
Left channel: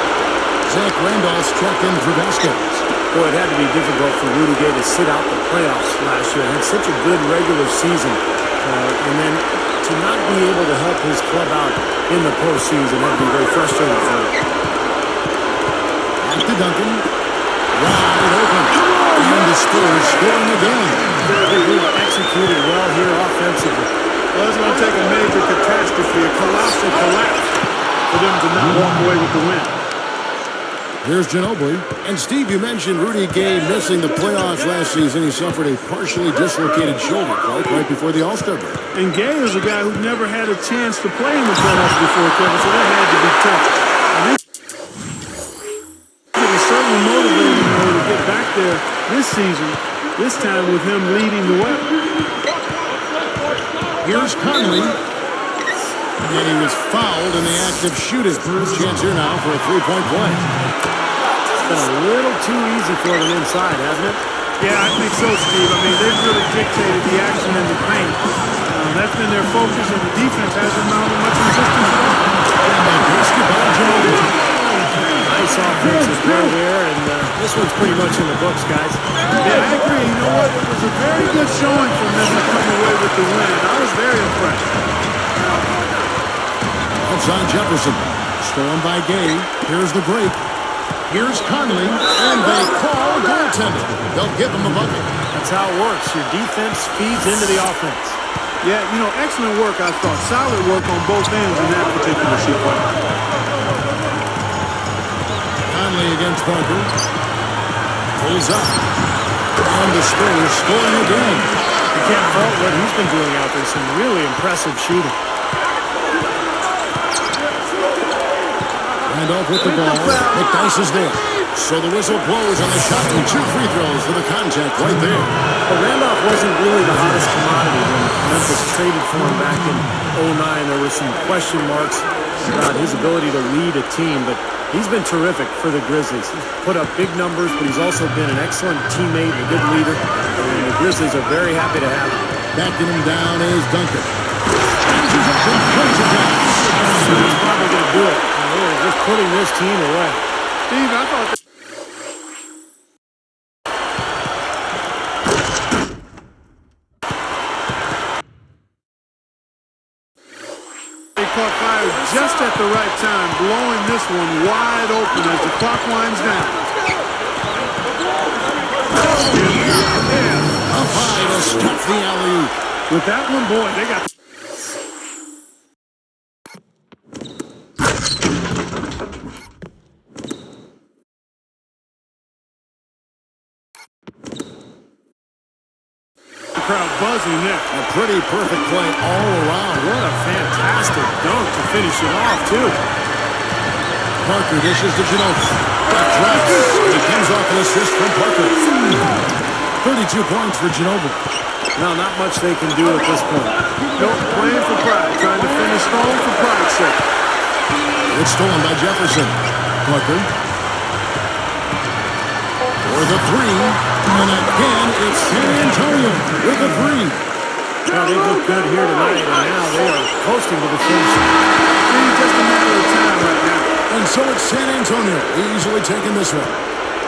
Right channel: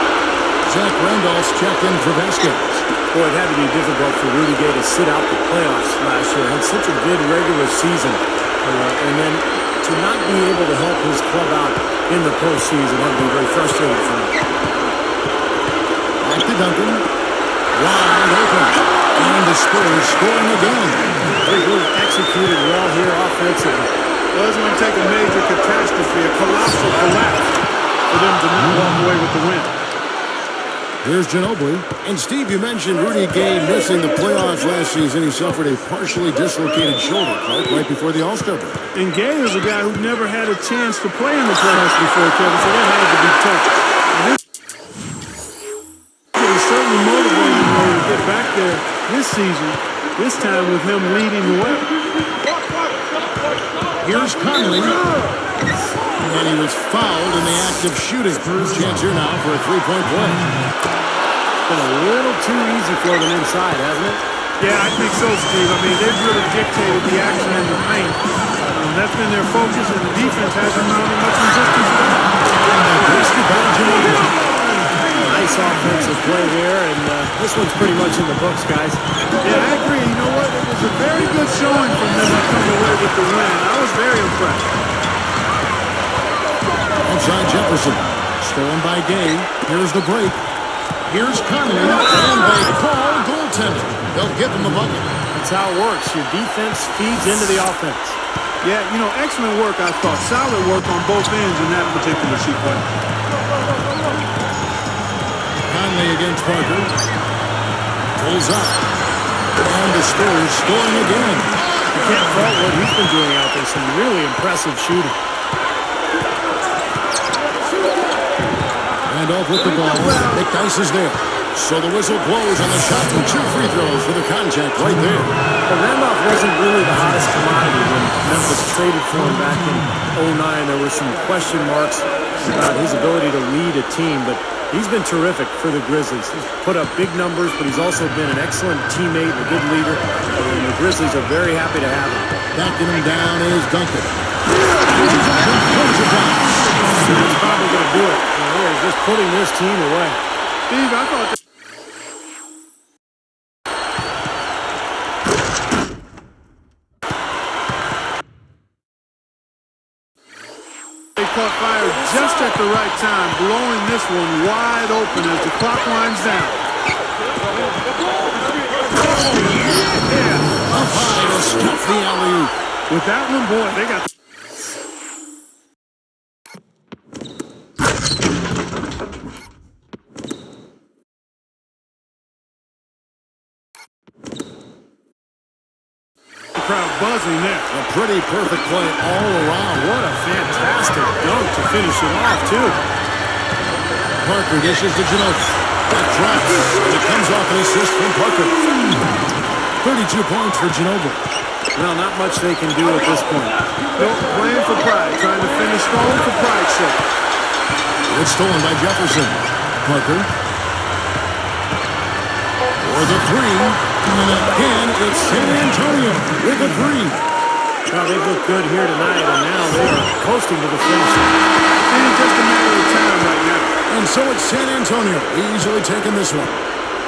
Zach Randolph's checked in for Vasquez. Boy, it had to be difficult for Rudy Gay to sit out the playoffs last year. Had such a good regular season. And then to not be able to help his club out in the postseason had to be very frustrating for him. Back to Duncan. Wide open. And the Spurs scoring again. They really executed well here offensively. Well, it's going to take a major catastrophe, a colossal collapse, for them to not walk away with the win. Here's Ginobili. And Steve, you mentioned Rudy Gay missing the playoffs last season. He suffered a partially dislocated shoulder, Clark, right before the All-Star break. And Gay is a guy who never had a chance to play in the playoffs before, Kevin, so that had to be tough. And he's certainly motivated in order to get back there this season, this time with him leading the way. Here's Conley. And he was fouled in the act of shooting. Chance here now for a three-point play. It's been a little too easy for them inside, hasn't it? Yeah, I think so, Steve. I mean, they've really dictated the action in the paint. That's been their focus, and the defense hasn't mounted much resistance at all. And the basket by Ginobili. Nice offensive play there, and this one's pretty much in the books, guys. Yeah, I agree. You know what? It was a very good showing from them to come away with the win. I was very impressed. Outside Jefferson. Stolen by Gay. Here's the break. Here's Conley. And they call goaltending. They'll give him the bucket. That's how it works. Your defense feeds into the offense. Yeah, you know, excellent work, I thought. Solid work on both ends in that particular sequence. Conley against Parker. Pulls up. And the Spurs scoring again. You can't fault what he's been doing out there. Some really impressive shooting. Randolph with the ball. McDyess is there. So the whistle blows on the shot and 2 free throws for the contact right there. But Randolph wasn't really the hottest commodity when Memphis traded for him back in 2009. There were some question marks about his ability to lead a team, but he's been terrific for the Grizzlies. He's put up big numbers, but he's also been an excellent teammate and a good leader. And the Grizzlies are very happy to have him. Backing him down is Duncan. That's probably going to do it. They're just putting this team away. Steve, I thought that they caught fire just at the right time, blowing this one wide open as the clock winds down. Yeah. Up high to stuff the alley-oop. With that one, boy, they got crowd buzzing there. A pretty perfect play all around. What a fantastic dunk to finish it off, too. Parker dishes to Ginobili. That drops, and it comes off an assist from Parker. 32 points for Ginobili. Well, not much they can do at this point. Nope, playing for pride, trying to finish strong for pride's sake. It's stolen by Jefferson. Parker. For the three. And again, it's San Antonio with a three. Well, they've looked good here tonight, and now they are coasting to the finish line. It's just a matter of time right now. And so it's San Antonio easily taking this one.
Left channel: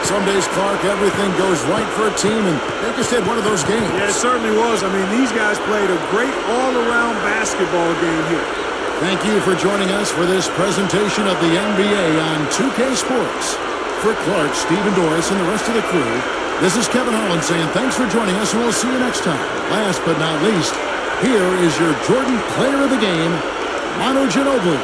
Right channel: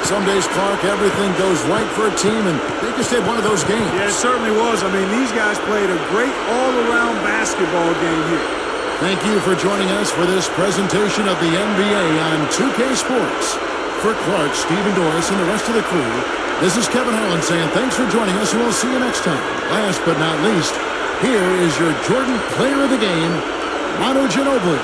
Some days, Clark, everything goes right for a team, and they just had one of those games. Yeah, it certainly was. I mean, these guys played a great all-around basketball game here. Thank you for joining us for this presentation of the NBA on 2K Sports. For Clark, Stephen Doris, and the rest of the crew, this is Kevin Harlan saying thanks for joining us, and we'll see you next time. Last but not least, here is your Jordan Player of the Game, Manu Ginobili.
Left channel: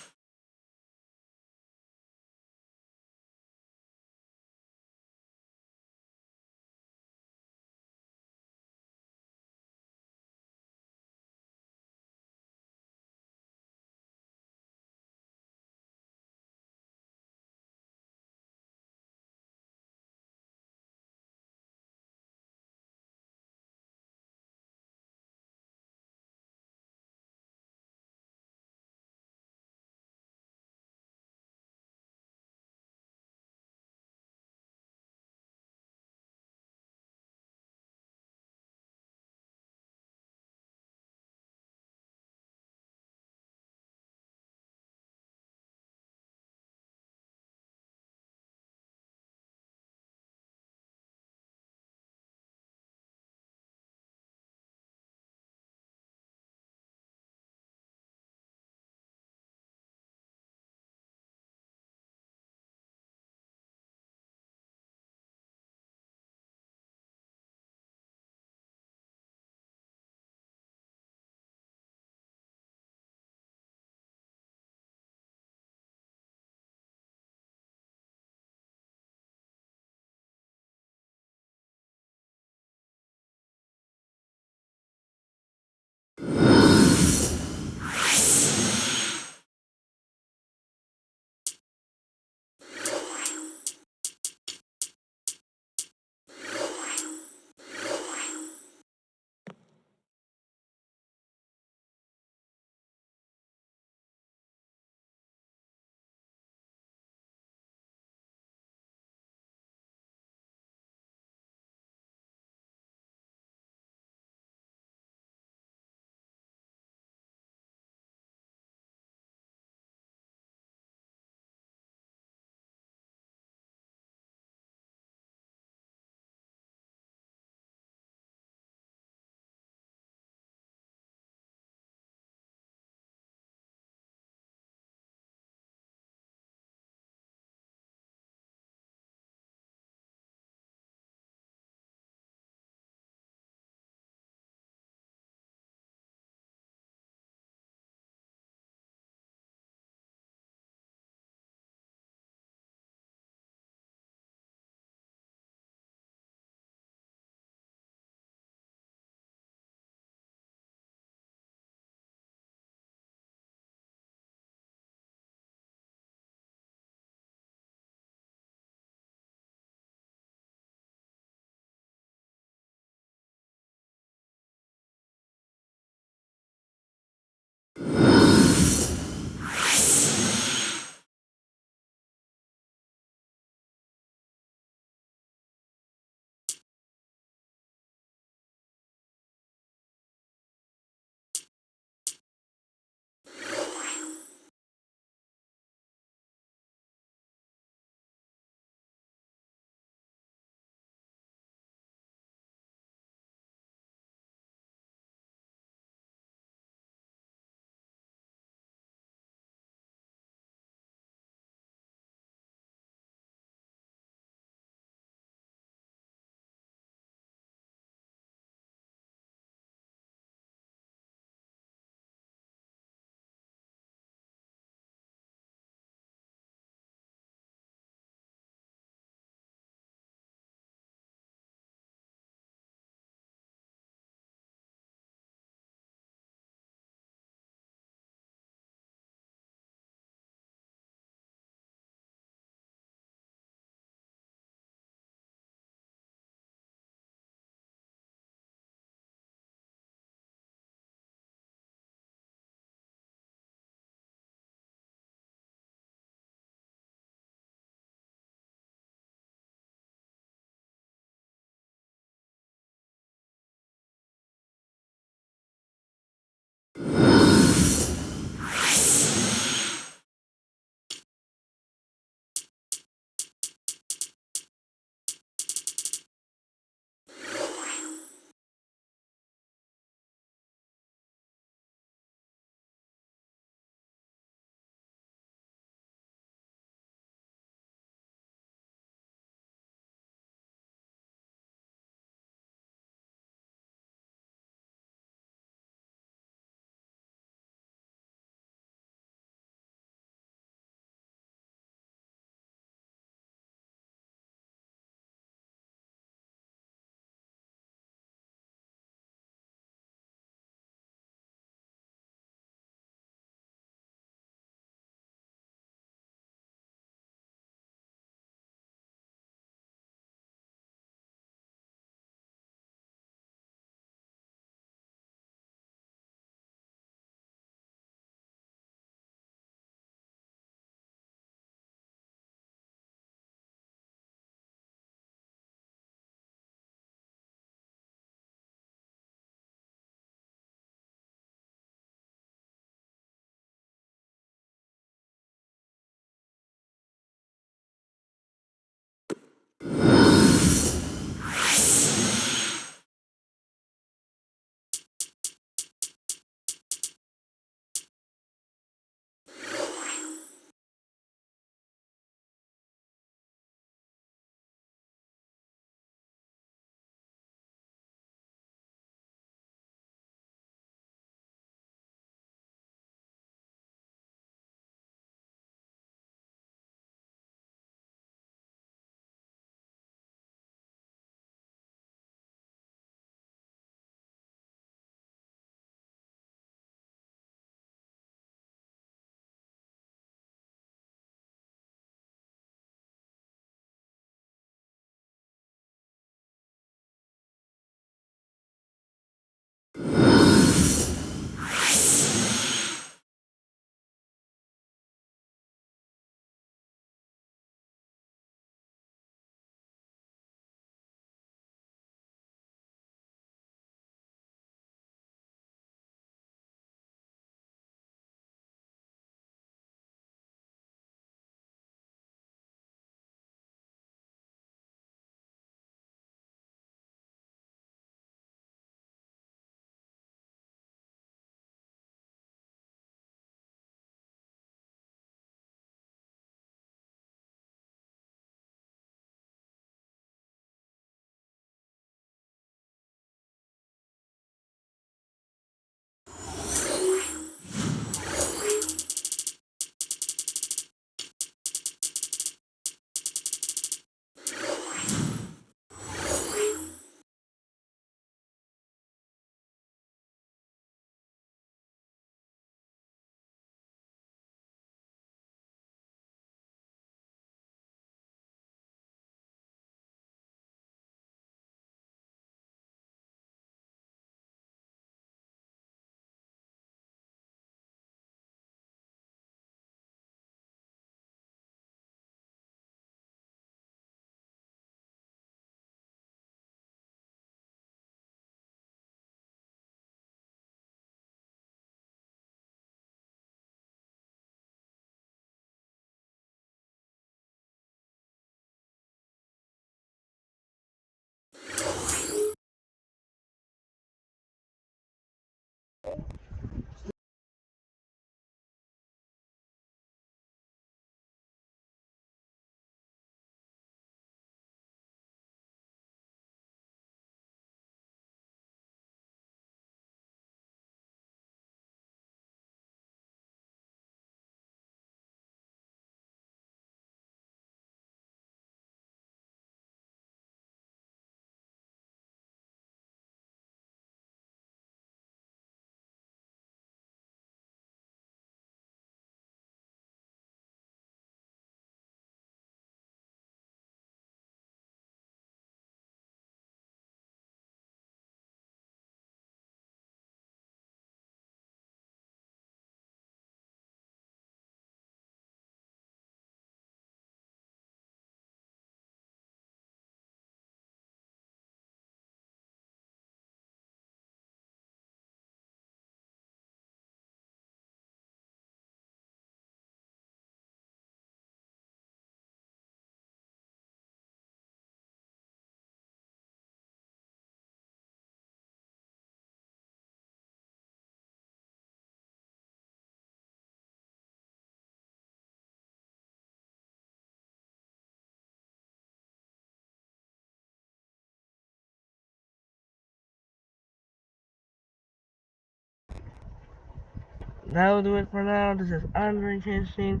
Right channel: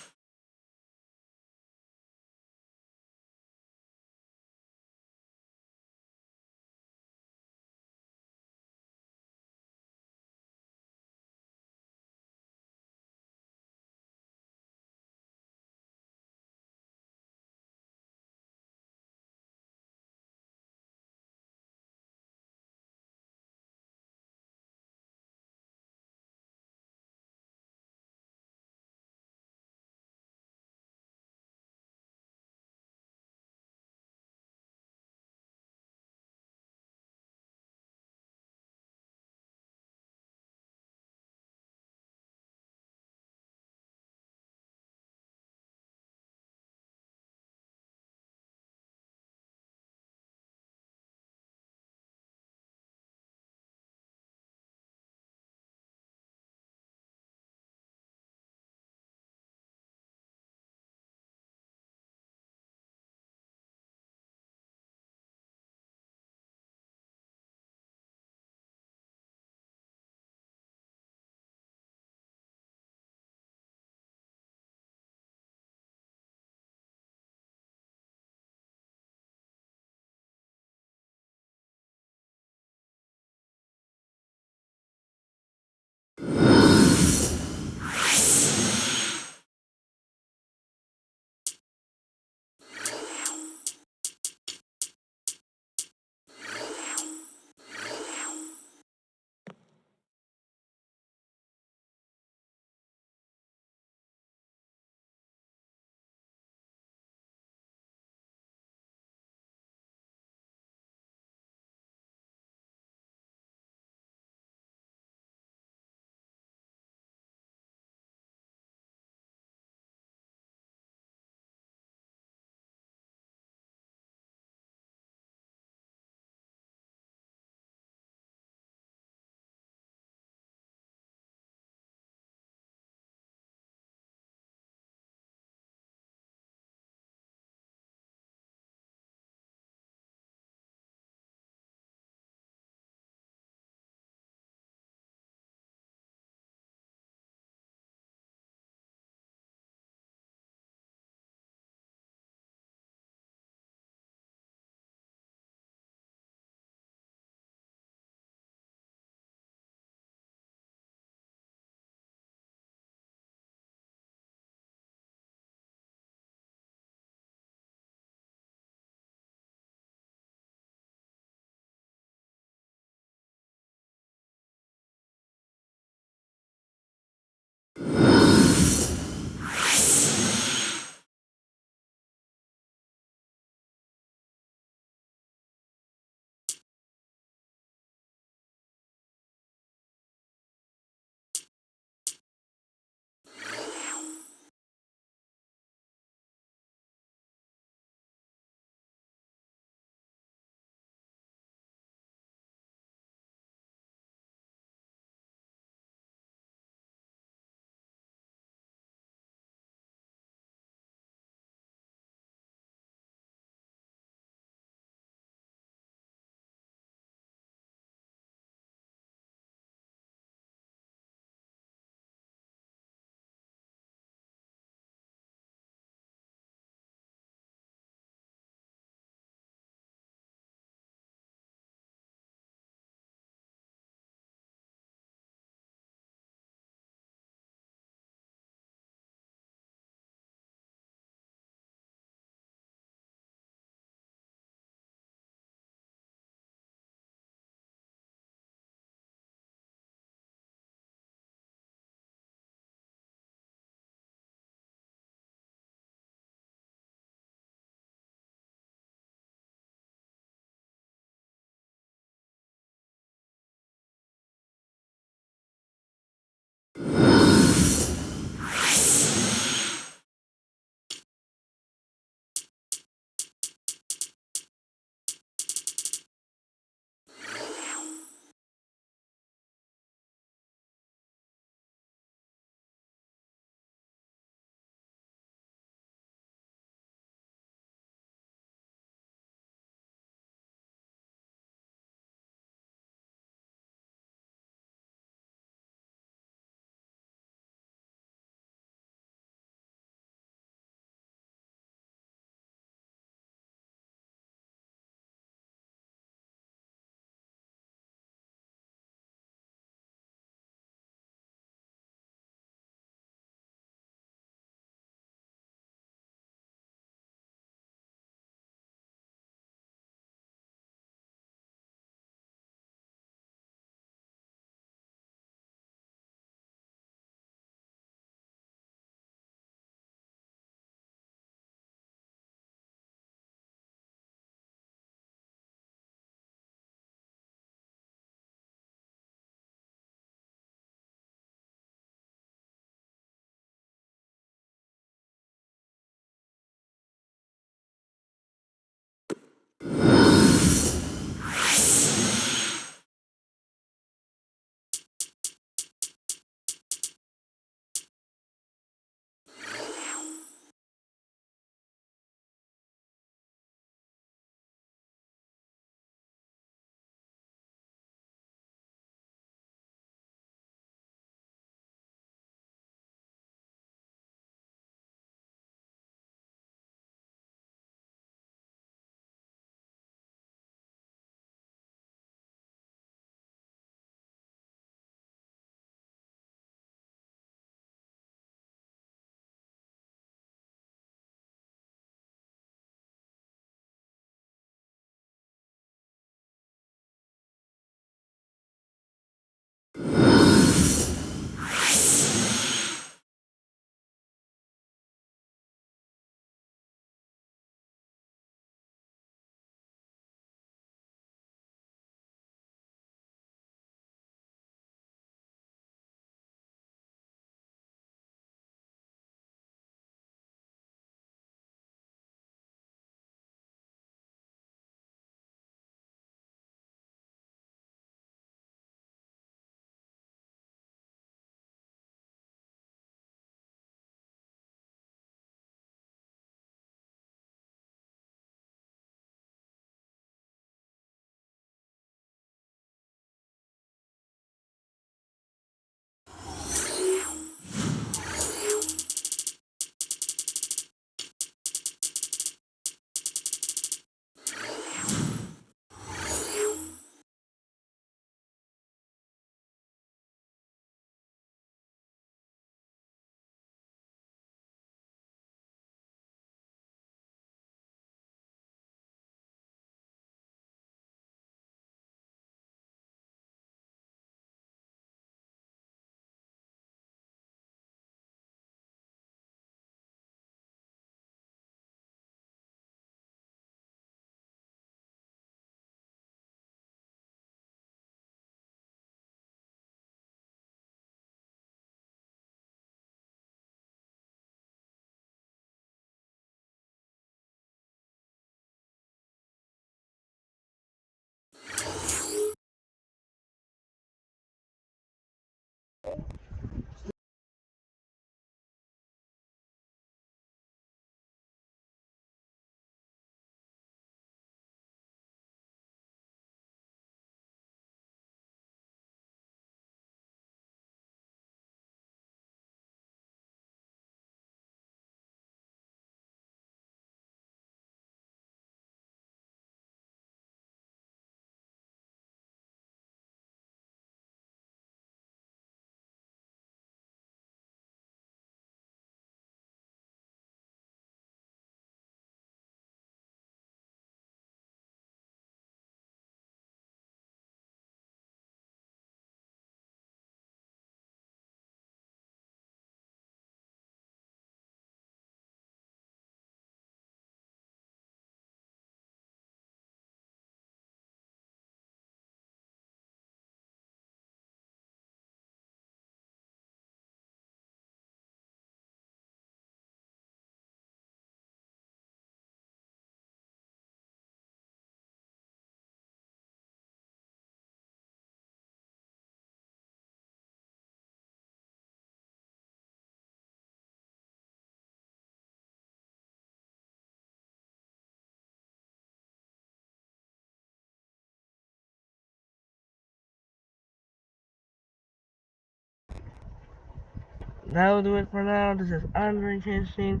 that'll do it for now. This is Andre Kinshin.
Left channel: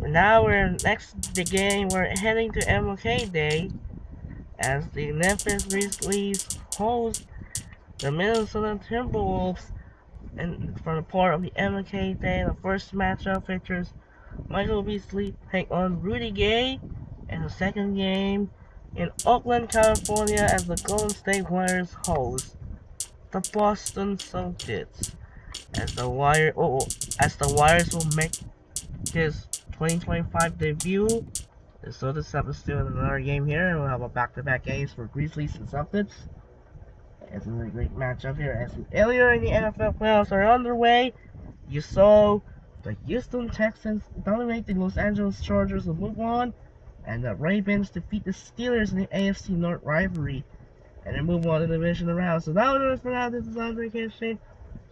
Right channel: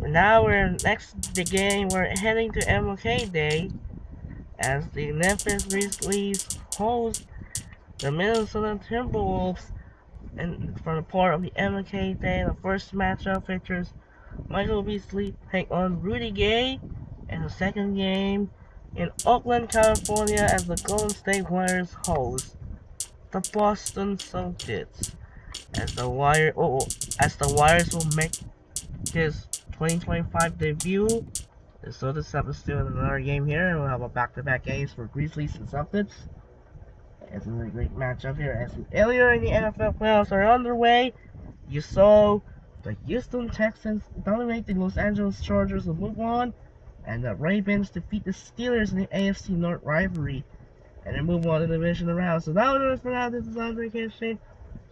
Now we're next the game. We're heading to MLK Day as the Memphis Grizzlies host the Minnesota Timberwolves. And for the part of the MLK Day, the first matchup features Michael Beasley take on Rudy Gay, and the second game in Oakland, California, as the Golden State Warriors host the Boston Celtics. As the Warriors will make his 2025 debut. So this up is still another game here, and we'll have a back-to-back games for Grizzlies and Celtics. It's a really great matchup here. As earlier in the NFL playoffs are underway, you saw the Houston Texans dominate the Los Angeles Chargers to move on, and the Ravens defeat the Steelers in the AFC North rivalry, and then move on to the divisional round. So that was it for now. This is Andre Kinshin.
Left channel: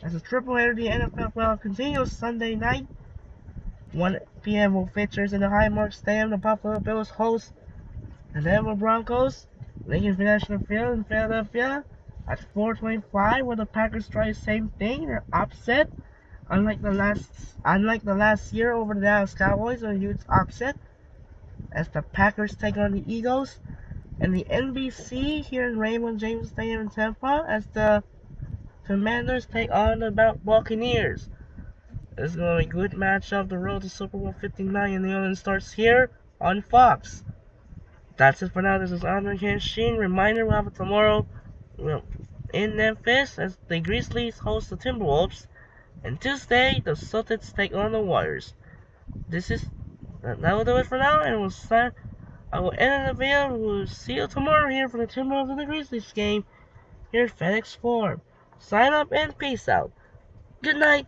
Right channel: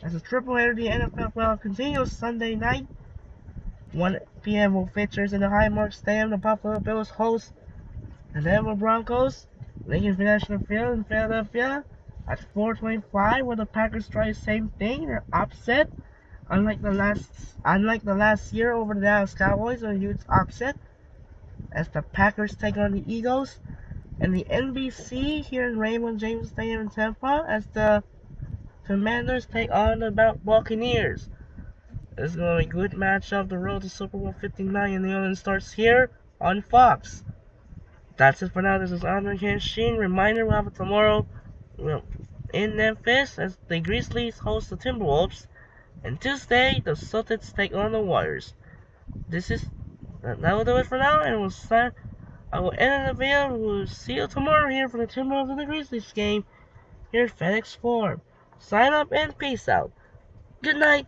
As a triple header, the NFL playoff continues Sunday night. 1 p.m. will features in the Highmark Stadium. The Buffalo Bills host the Denver Broncos. Lincoln Financial Field in Philadelphia at 4:25, where the Packers try the same thing. They're upset, unlike the last year over the Dallas Cowboys, a huge upset as the Packers take on the Eagles. And the NBC here in Raymond James Stadium in Tampa as the Commanders take on the Buccaneers. This is going to be a good matchup. The road to Super Bowl 59 in New Orleans starts here on Fox. That's it for now. This is Andre Kinshin. Reminder, we'll have it tomorrow in Memphis as the Grizzlies host the Timberwolves. And Tuesday, the Celtics take on the Warriors. That will do it for now, and I will end the video. We'll see you tomorrow here for the Timberwolves and the Grizzlies game here at FedEx Forum. Sign up and peace out. Good night.